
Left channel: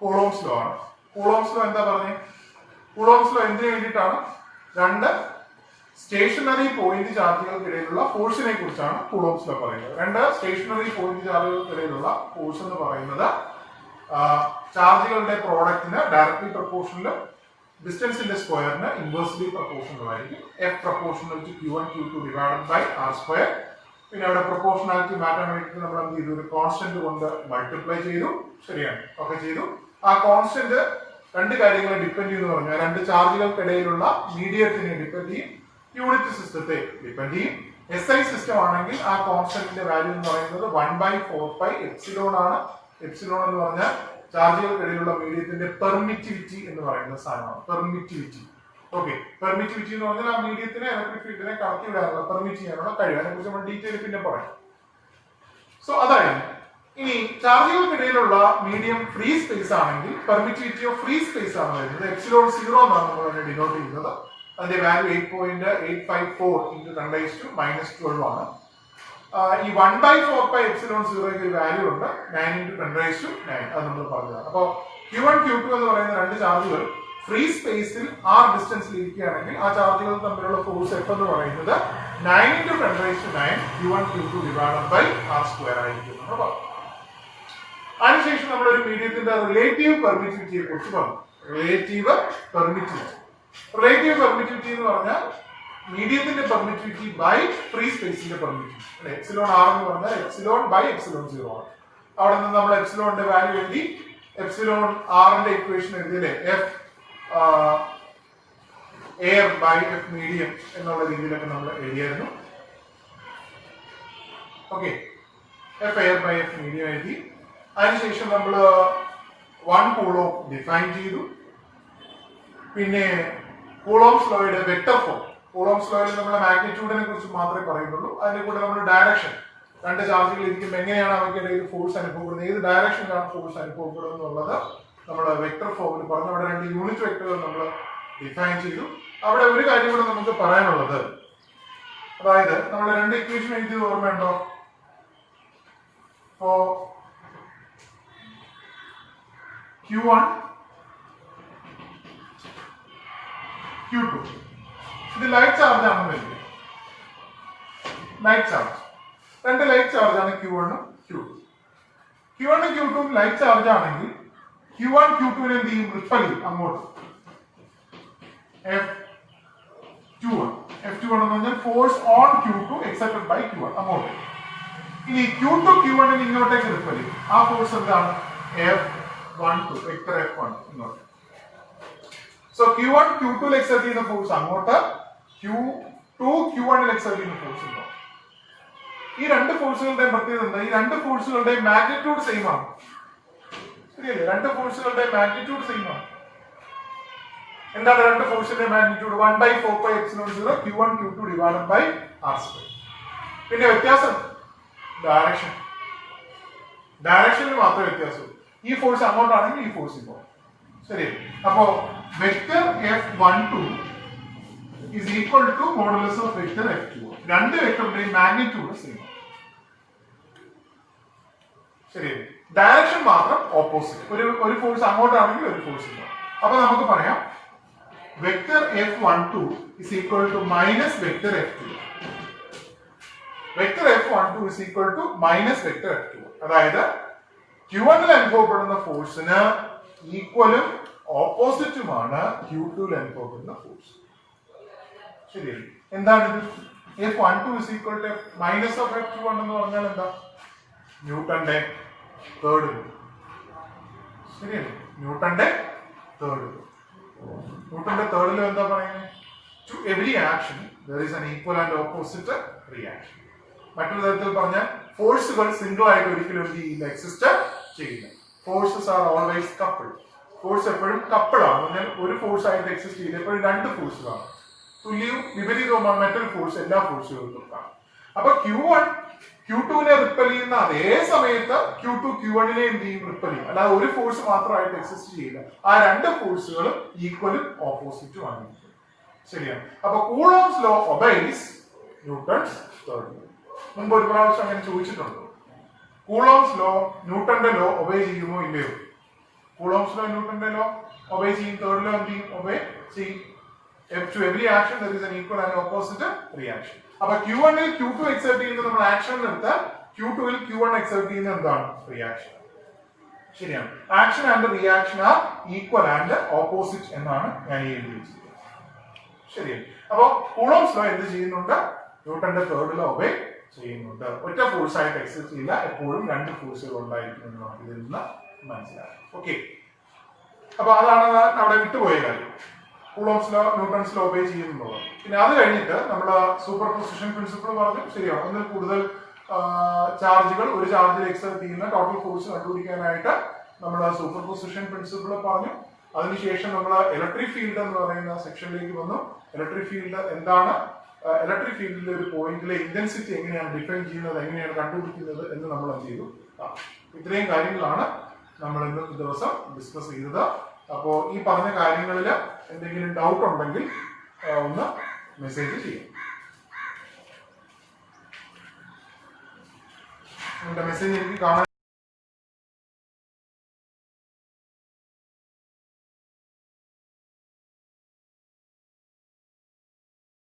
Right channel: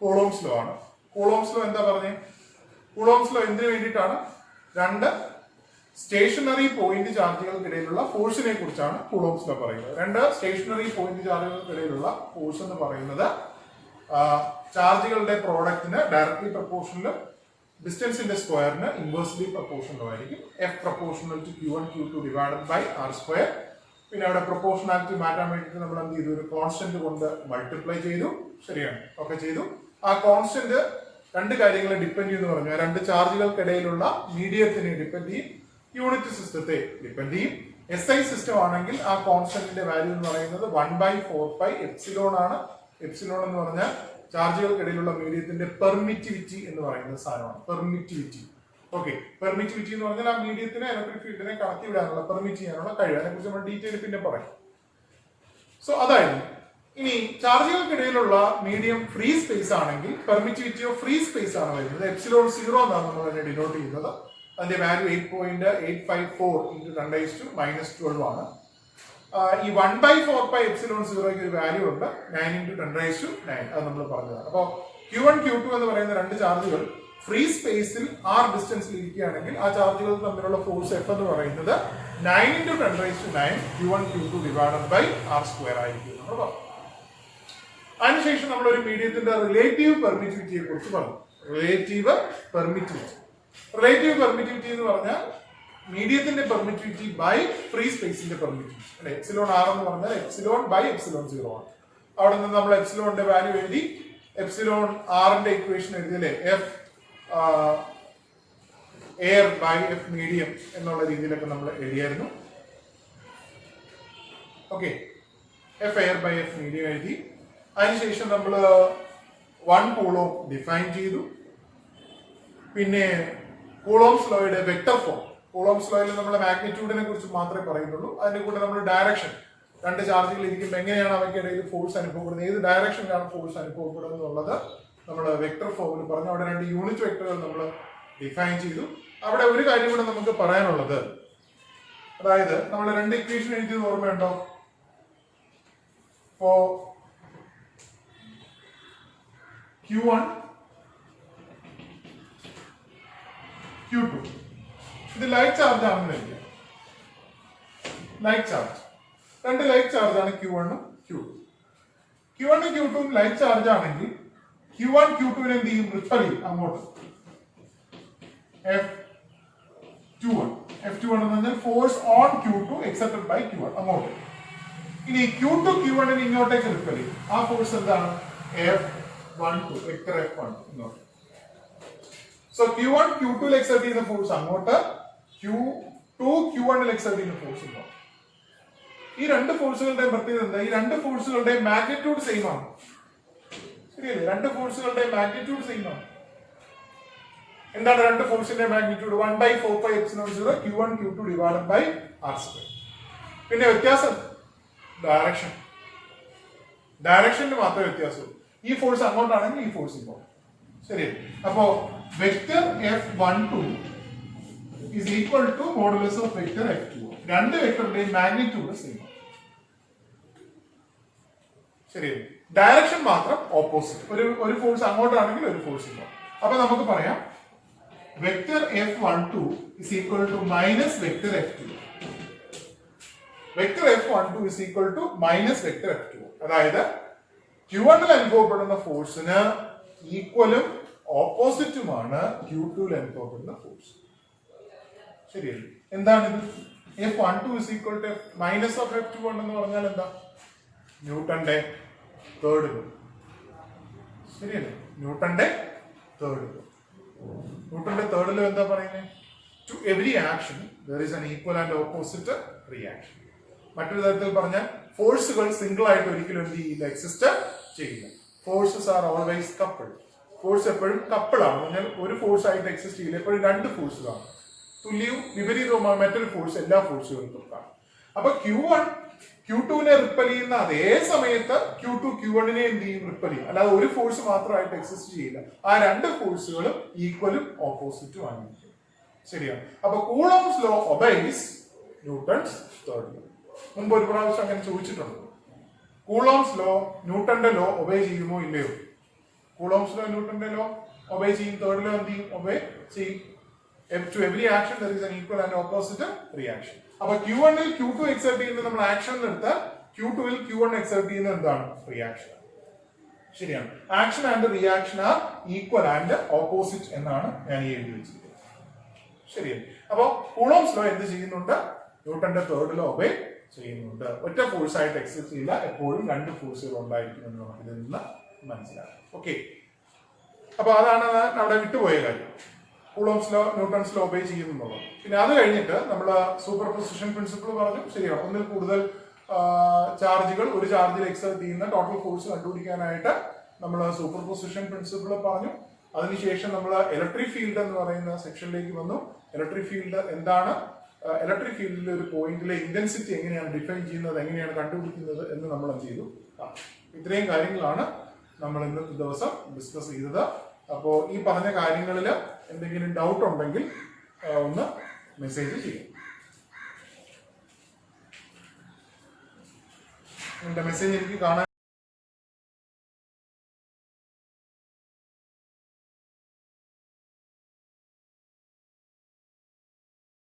കൂളോംസ് ലോ ആണ്. കൂളോംസ് ലോ എന്താ പറഞ്ഞത്? കൂളോംസ് ലോ എന്തിനു വേണ്ടിയിട്ടാണ്? രണ്ട് സ്റ്റേഷനറി പോയിന്റ് ചാർജുകൾക്കിടയിലുള്ള ഫോഴ്സിനെ കുറിച്ചാണ് കൂളോംസ് ലോ പറയുന്നത്. രണ്ട് സ്റ്റേഷനറി പോയിന്റ് ചാർജുകൾക്കിടയിലുള്ള ഫോഴ്സ് എന്ന് പറയുന്നത് ചാർജുകളുടെ പ്രോഡക്റ്റിന് ഡയറക്ട്ലി പ്രൊപ്പോർഷണലും ഡിസ്റ്റൻസിന്റെ സ്ക്വയറിന് ഇൻവേഴ്സ്ലി പ്രൊപ്പോർഷണലും ആയിരിക്കും. F proportional to Q1 Q2 divided by R square. പിന്നെ അവിടെ പ്രൊപ്പോർഷണാലിറ്റി മാറ്റാൻ വേണ്ടിയിട്ട് നമ്മൾ എന്ത് ചെയ്തു, ഒരു കോൺസ്റ്റന്റ് കൊണ്ട് മൾട്ടിപ്ലൈ ചെയ്തു. ശരിയാണ്, ഒക്കെ ചെയ്തു. ആ കോൺസ്റ്റന്റ് രണ്ട് കാര്യങ്ങളെ ഡിപ്പെൻഡ് ചെയ്യുന്നു പറഞ്ഞാൽ രണ്ട് ചാർജുകൾക്കിടയിലുള്ള മീഡിയത്തിനെ ഡിപ്പെൻഡ് ചെയ്യും, യൂണിറ്റ് സിസ്റ്റത്തെ ഡിപ്പെൻഡ് ചെയ്യും. SI സിസ്റ്റം ആണെങ്കിൽ ആ കോൺസ്റ്റന്റിന്റെ വാല്യൂ എന്ന് പറയുന്നത് 1/4π എപ്സിലോൺ ആണ്. എപ്സിലോൺ എന്ന് പറഞ്ഞാൽ ചാർജുകൾക്കിടയിലുള്ള മീഡിയത്തിന്റെ പെർമിറ്റിവിറ്റി എന്ന് പറയുന്ന സാധനമാണ്. പെർമിറ്റിവിറ്റി. ഓക്കെ, പെർമിറ്റിവിറ്റി എന്ന് പറഞ്ഞാൽ ആ മീഡിയത്തിനെ ഇലക്ട്രിക് ഫീൽഡിനെ കടത്തി വിടാനുള്ള പെർമിറ്റ് ചെയ്യാനുള്ള കഴിവ്. അതിനെ കുറിച്ച് നമ്മൾ ഡീറ്റെയിൽ പിന്നെ പറയാം. സോ അതായിരുന്നു. ഇനി ചാർജുകൾക്കിടയിലുള്ള മീഡിയം ഫ്രീ സ്പേസ് ആണെങ്കിൽ പെർമിറ്റിവിറ്റി ഓഫ് ഫ്രീ സ്പേസ് ആണ് വരുന്നത്. എപ്സിലോൺ 0 എന്നാണ് നമ്മൾ അതിനെ ഡിനോട്ട് ചെയ്യുന്നത്. അതിന്റെ വാല്യൂ 8.854 × 10⁻12 ആണ്. ഈ 1/4π എപ്സിലോൺ 0 വാല്യൂ ഉണ്ട് 9 × 10⁹. അത് നമ്മൾ പറഞ്ഞതാണ്. അപ്പോൾ Q1 Q2 എന്ന് പറയുന്ന രണ്ട് ചാർജുകൾ ഫ്രീ സ്പേസിൽ r ഡിസ്റ്റൻസിൽ ഇരിക്കുകയാണെങ്കിൽ ആ ചാർജുകൾ തമ്മിലുള്ള ഫോഴ്സ് F എന്ന് പറയുന്നത് 9 × 10⁹ Q1 Q2 divided by R square ആയിരിക്കും. അതിനുശേഷം നമ്മളൊരു മീഡിയത്തിന്റെ റിലേറ്റീവ് പെർമിറ്റിവിറ്റിയെ കുറിച്ച് പറഞ്ഞു. റിലേറ്റീവ് പെർമിറ്റിവിറ്റി എന്ന് പറഞ്ഞാൽ മീഡിയത്തിന്റെ പെർമിറ്റിവിറ്റി ബൈ ഫ്രീ സ്പേസിന്റെ പെർമിറ്റിവിറ്റി. എപ്സിലോൺ ആർ എന്ന് പറഞ്ഞാൽ എപ്സിലോൺ ബൈ എപ്സിലോൺ 0 ആണ്. അവിടെ നിന്ന് നമ്മൾ എപ്സിലോണിന്റെ വാല്യൂ എഴുതി. എപ്സിലോൺ ആറിന്റെ ഇക്വേഷൻ എഴുതിയില്ലേ, F air by F medium എന്നുള്ള രീതിയിലൊക്കെ നമ്മൾ എഴുതിയായിരുന്നു. Okay, F air by F medium എഴുതി. അതിനുശേഷം നമ്മൾ 1 കൂളോം ഡിഫൈൻ ചെയ്തു. പിന്നെ കൂളോംസ് ലോയുടെ വെക്ടർ ഫോം. കൂളോംസ് ലോയിൽ നമ്മൾ മാഗ്നിറ്റ്യൂഡിനെ കുറിച്ച് മാത്രമേ പറയുന്നുള്ളൂ. അതിന്റെ കൂടെ നമ്മൾ ഡയറക്ഷൻ, രണ്ട് ചാർജുകൾ ഇരിക്കുമ്പോൾ എങ്ങനെയാണ് അവയ്ക്കിടയിൽ ഫോഴ്സ് അനുഭവപ്പെടുന്നത്, ഏത് ഡയറക്ഷനിലാണ് ഫോഴ്സ് അനുഭവപ്പെടുന്നത് എന്നുള്ളത് നമ്മൾ വെക്ടർ ഫോമിൽ പറഞ്ഞു. അവിടെ രണ്ട് യൂണിറ്റ് വെക്ടറുകൾ നമ്മൾ ഡിഫൈൻ ചെയ്തു. അവിടെ ഒരു കാര്യം കൂടെ നമുക്ക് പറയാനുള്ളത്, അതായത് നമ്മൾ രണ്ട് ഇക്വേഷൻ എഴുതിയത് ഓർമ്മയുണ്ടോ? ഇപ്പോ Q1 Q2 ഇത് ലൈറ്റ് ചാർജ് ആണെന്ന് വരിക. ലൈറ്റ് ചാർജ്, രണ്ട് ലൈറ്റ് ചാർജ് ആണ് Q1 ഉം Q2. Q1 ഉം Q2 ഉം ലൈറ്റ് ചാർജ് ആണെങ്കിൽ Q1 Q2 നെ എന്ത് ചെയ്യും, റിപ്പൽ ചെയ്യും അങ്ങോട്ട്. F21 എന്ന് പറഞ്ഞാൽ force on Q2 excepted by Q1 അങ്ങോട്ട്. ഇനി Q2 Q1 നെ ഇങ്ങോട്ടേക്ക് റിപ്പൽ ചെയ്യും. ആ ഫോഴ്സ് എന്താണ്? F12 വെക്ടർ F1 ഇങ്ങോട്ട്. സോ Q1 Q2 ൽ എക്സെർട്ട് ചെയ്യുന്ന ഫോഴ്സ് അങ്ങോട്ട്, Q2 Q1 ൽ എക്സെർട്ട് ചെയ്യുന്ന ഫോഴ്സ് ഇങ്ങോട്ട്. ഈ രണ്ട് ഫോഴ്സുകളുടെയും പ്രത്യേകത എന്താ? ഈ രണ്ട് ഫോഴ്സുകളുടെയും മാഗ്നിറ്റ്യൂഡ് സെയിം ആണ്. ശരിയല്ലേ? രണ്ട് ഫോഴ്സുകളുടെയും മാഗ്നിറ്റ്യൂഡ് സെയിം ആണ്. എന്താണ് രണ്ട് ഫോഴ്സിന്റെ magnitude? 1/4π epsilon 0 Q1 Q2 divided by R square. പിന്നെ വ്യത്യാസം ഡയറക്ഷനിൽ മാത്രമേ വ്യത്യാസമുള്ളൂ. ഈ ഫോഴ്സ് അങ്ങോട്ടാണെങ്കിൽ ഈ ഫോഴ്സ് ഇങ്ങോട്ട്. ശരി, അപ്പോ vector F12 is equal to modulus of vector F2. രണ്ട് വെക്ടറുടെയും മാഗ്നിറ്റ്യൂഡ് സെയിം. ശരി, ഡയറക്ഷൻ മാത്രം ഓപ്പോസിറ്റ്. ഒരു ഫോഴ്സ് അങ്ങോട്ടാണെങ്കിൽ ഒരു ഫോഴ്സ് ഇങ്ങോട്ട്. അപ്പൊ നമുക്ക് പറയാം vector F12 is equal to minus vector F2. Vector F12 is equal to minus vector F2. അതായത് Q1 ൽ അനുഭവപ്പെടുന്ന ഫോഴ്സിന് ഈക്വലും ഓപ്പോസിറ്റുമാണ് Q2 ൽ അനുഭവപ്പെടുന്ന ഫോഴ്സ്. ശരിയല്ലേ? എന്താണിത്? F12 is equal to minus of F21 എന്ന് പറഞ്ഞാൽ എന്താ? ന്യൂട്ടന്റെ തേർഡ് ലോ. ശരിയല്ലേ? ന്യൂട്ടന്റെ തേർഡ് ലോ. ന്യൂട്ടന്റെ തേർഡ് ലോ എന്താ പറയുന്നത്? To every action there is an equal and opposite reaction. മറ്റൊരു തരത്തിൽ പറഞ്ഞാൽ ഫോഴ്സുകൾ സിംഗിൾ ആയിട്ട് ഒരിക്കലും എന്ത് ചെയ്യില്ല, എക്സിസ്റ്റ് ചെയ്യില്ല. Forces are always couple. Force എപ്പോഴും കപ്പിൾ ആണ്. പറഞ്ഞാൽ ഒരു ഫോഴ്സ് ആയിട്ട് എക്സിസ്റ്റ് ചെയ്യില്ല, എപ്പോഴും രണ്ട് ഫോഴ്സുകളാണ്. തുല്യവും വിപരീതവുമാണ് മറ്റൊരു ഫോഴ്സ് എല്ലാ ഫോഴ്സുകൾക്കും കാണും. അപ്പൊ Q1 Q2 നെ റിപ്പൽ ചെയ്യുന്ന അതേ സമയത്ത് Q2 Q1 നെ എന്ത് ചെയ്യും, റിപ്പൽ ചെയ്യും. അല്ലാതെ ഒരു ഫോഴ്സ് മാത്രമായിട്ട് എക്സിസ്റ്റ് ചെയ്യില്ല. ആ രണ്ട് ഫോഴ്സുകളും ഈക്വലും ഓപ്പോസിറ്റും ആണ്. ശരിയാണ്. അപ്പൊ Coulomb's law obeys Newton's third law. മുമ്പ് ഒരു പ്രാവശ്യം അങ്ങനെ ചോദിച്ചിട്ടുണ്ട്. കൂളോംസ് ലോ ന്യൂട്ടന്റെ ലോ ഒബേ ചെയ്യുമോ ഇല്ലയോ? കൂളോംസ് ലോ ന്യൂട്ടന്റെ ലോ ഒബേ ചെയ്യും. തേർഡ് ലോ എന്ത് ചെയ്യും? ഒബേ ചെയ്യും. To every action there is an equal and opposite reaction. അപ്പൊ Q1 ൽ Q2 എക്സെർട്ട് ചെയ്യുന്ന നമ്മൾ ആക്ഷൻ എടുത്താൽ Q2 ൽ Q1 എക്സെർട്ട് ചെയ്യുന്ന എന്താണ് റിയാക്ഷൻ. ശരിയാണ്. Action and reaction are equal and opposite എന്നാണ് ഞാൻ ഈ എഴുതി വെച്ചിരിക്കുന്നത്. ശരിയാണ്. അപ്പോ കൂളോംസ് ലോ എന്ത് ചെയ്യുന്നുണ്ട്? ന്യൂട്ടന്റെ തേർഡ് ലോ ഒബേ ചെയ്യുന്നുണ്ട്. ഒറ്റ ഫോഴ്സ് ആയിട്ട് എക്സെർട്ട് ചെയ്യില്ല, എപ്പോഴും രണ്ട് ഫോഴ്സുകൾ ഉണ്ടായിരിക്കും എന്ന് നമുക്ക് ഇതിൽ നിന്ന് മനസ്സിലാക്കാം. ഓക്കെ, അപ്പൊ അതാണ് അവിടെ വിട്ടുപോയ കാര്യം. Coulomb's law Newton's law obey ചെയ്യുന്നുള്ളത്. പിന്നെ അത് കഴിഞ്ഞിട്ട് നമ്മൾ സൂപ്പർ പൊസിഷൻ പ്രിൻസിപ്പിൾ പറഞ്ഞു. ശരിയാണ്. ഒന്നിൽ കൂടുതൽ ചാർജുകൾ ഒരു ചാർജിൽ എക്സെർട്ട് ചെയ്യുന്ന ടോട്ടൽ ഫോഴ്സ് കണ്ടുപിടിക്കാനായിട്ട് നമ്മൾ സൂപ്പർ പൊസിഷൻ പ്രിൻസിപ്പിൾ പറഞ്ഞു. അതിനുശേഷം നമ്മൾ ഇലക്ട്രിക് ഫീൽഡ് എന്ന് പറയുന്ന സെക്ഷനിലേക്ക് വന്നു. ഇലക്ട്രിക് ഫീൽഡ് എന്താണ്, ഇലക്ട്രിക് ഫീൽഡിലെ ഒരു പോയിന്റിലെ ഇന്റൻസിറ്റി എങ്ങനെയാണ് ഡിഫൈൻ ചെയ്യുന്നത്, എങ്ങനെയാണ് കണ്ടുപിടിക്കുന്നത് എന്ന് നമ്മൾ ചെയ്തു. ഇത്രയും കാര്യങ്ങളാണ് നമ്മൾ ഇന്ന് ദിവസം ഡിസ്കസ് ചെയ്തത്. അപ്പോൾ ഈ പറഞ്ഞ കാര്യങ്ങളിൽ എന്തെങ്കിലും ഡൗട്ട് ഉണ്ടെങ്കിൽ ഒന്ന് മെസ്സേജ് ചെയ്യും. എന്റെ മെസ്സേജ് എനിക്ക് കാണാൻ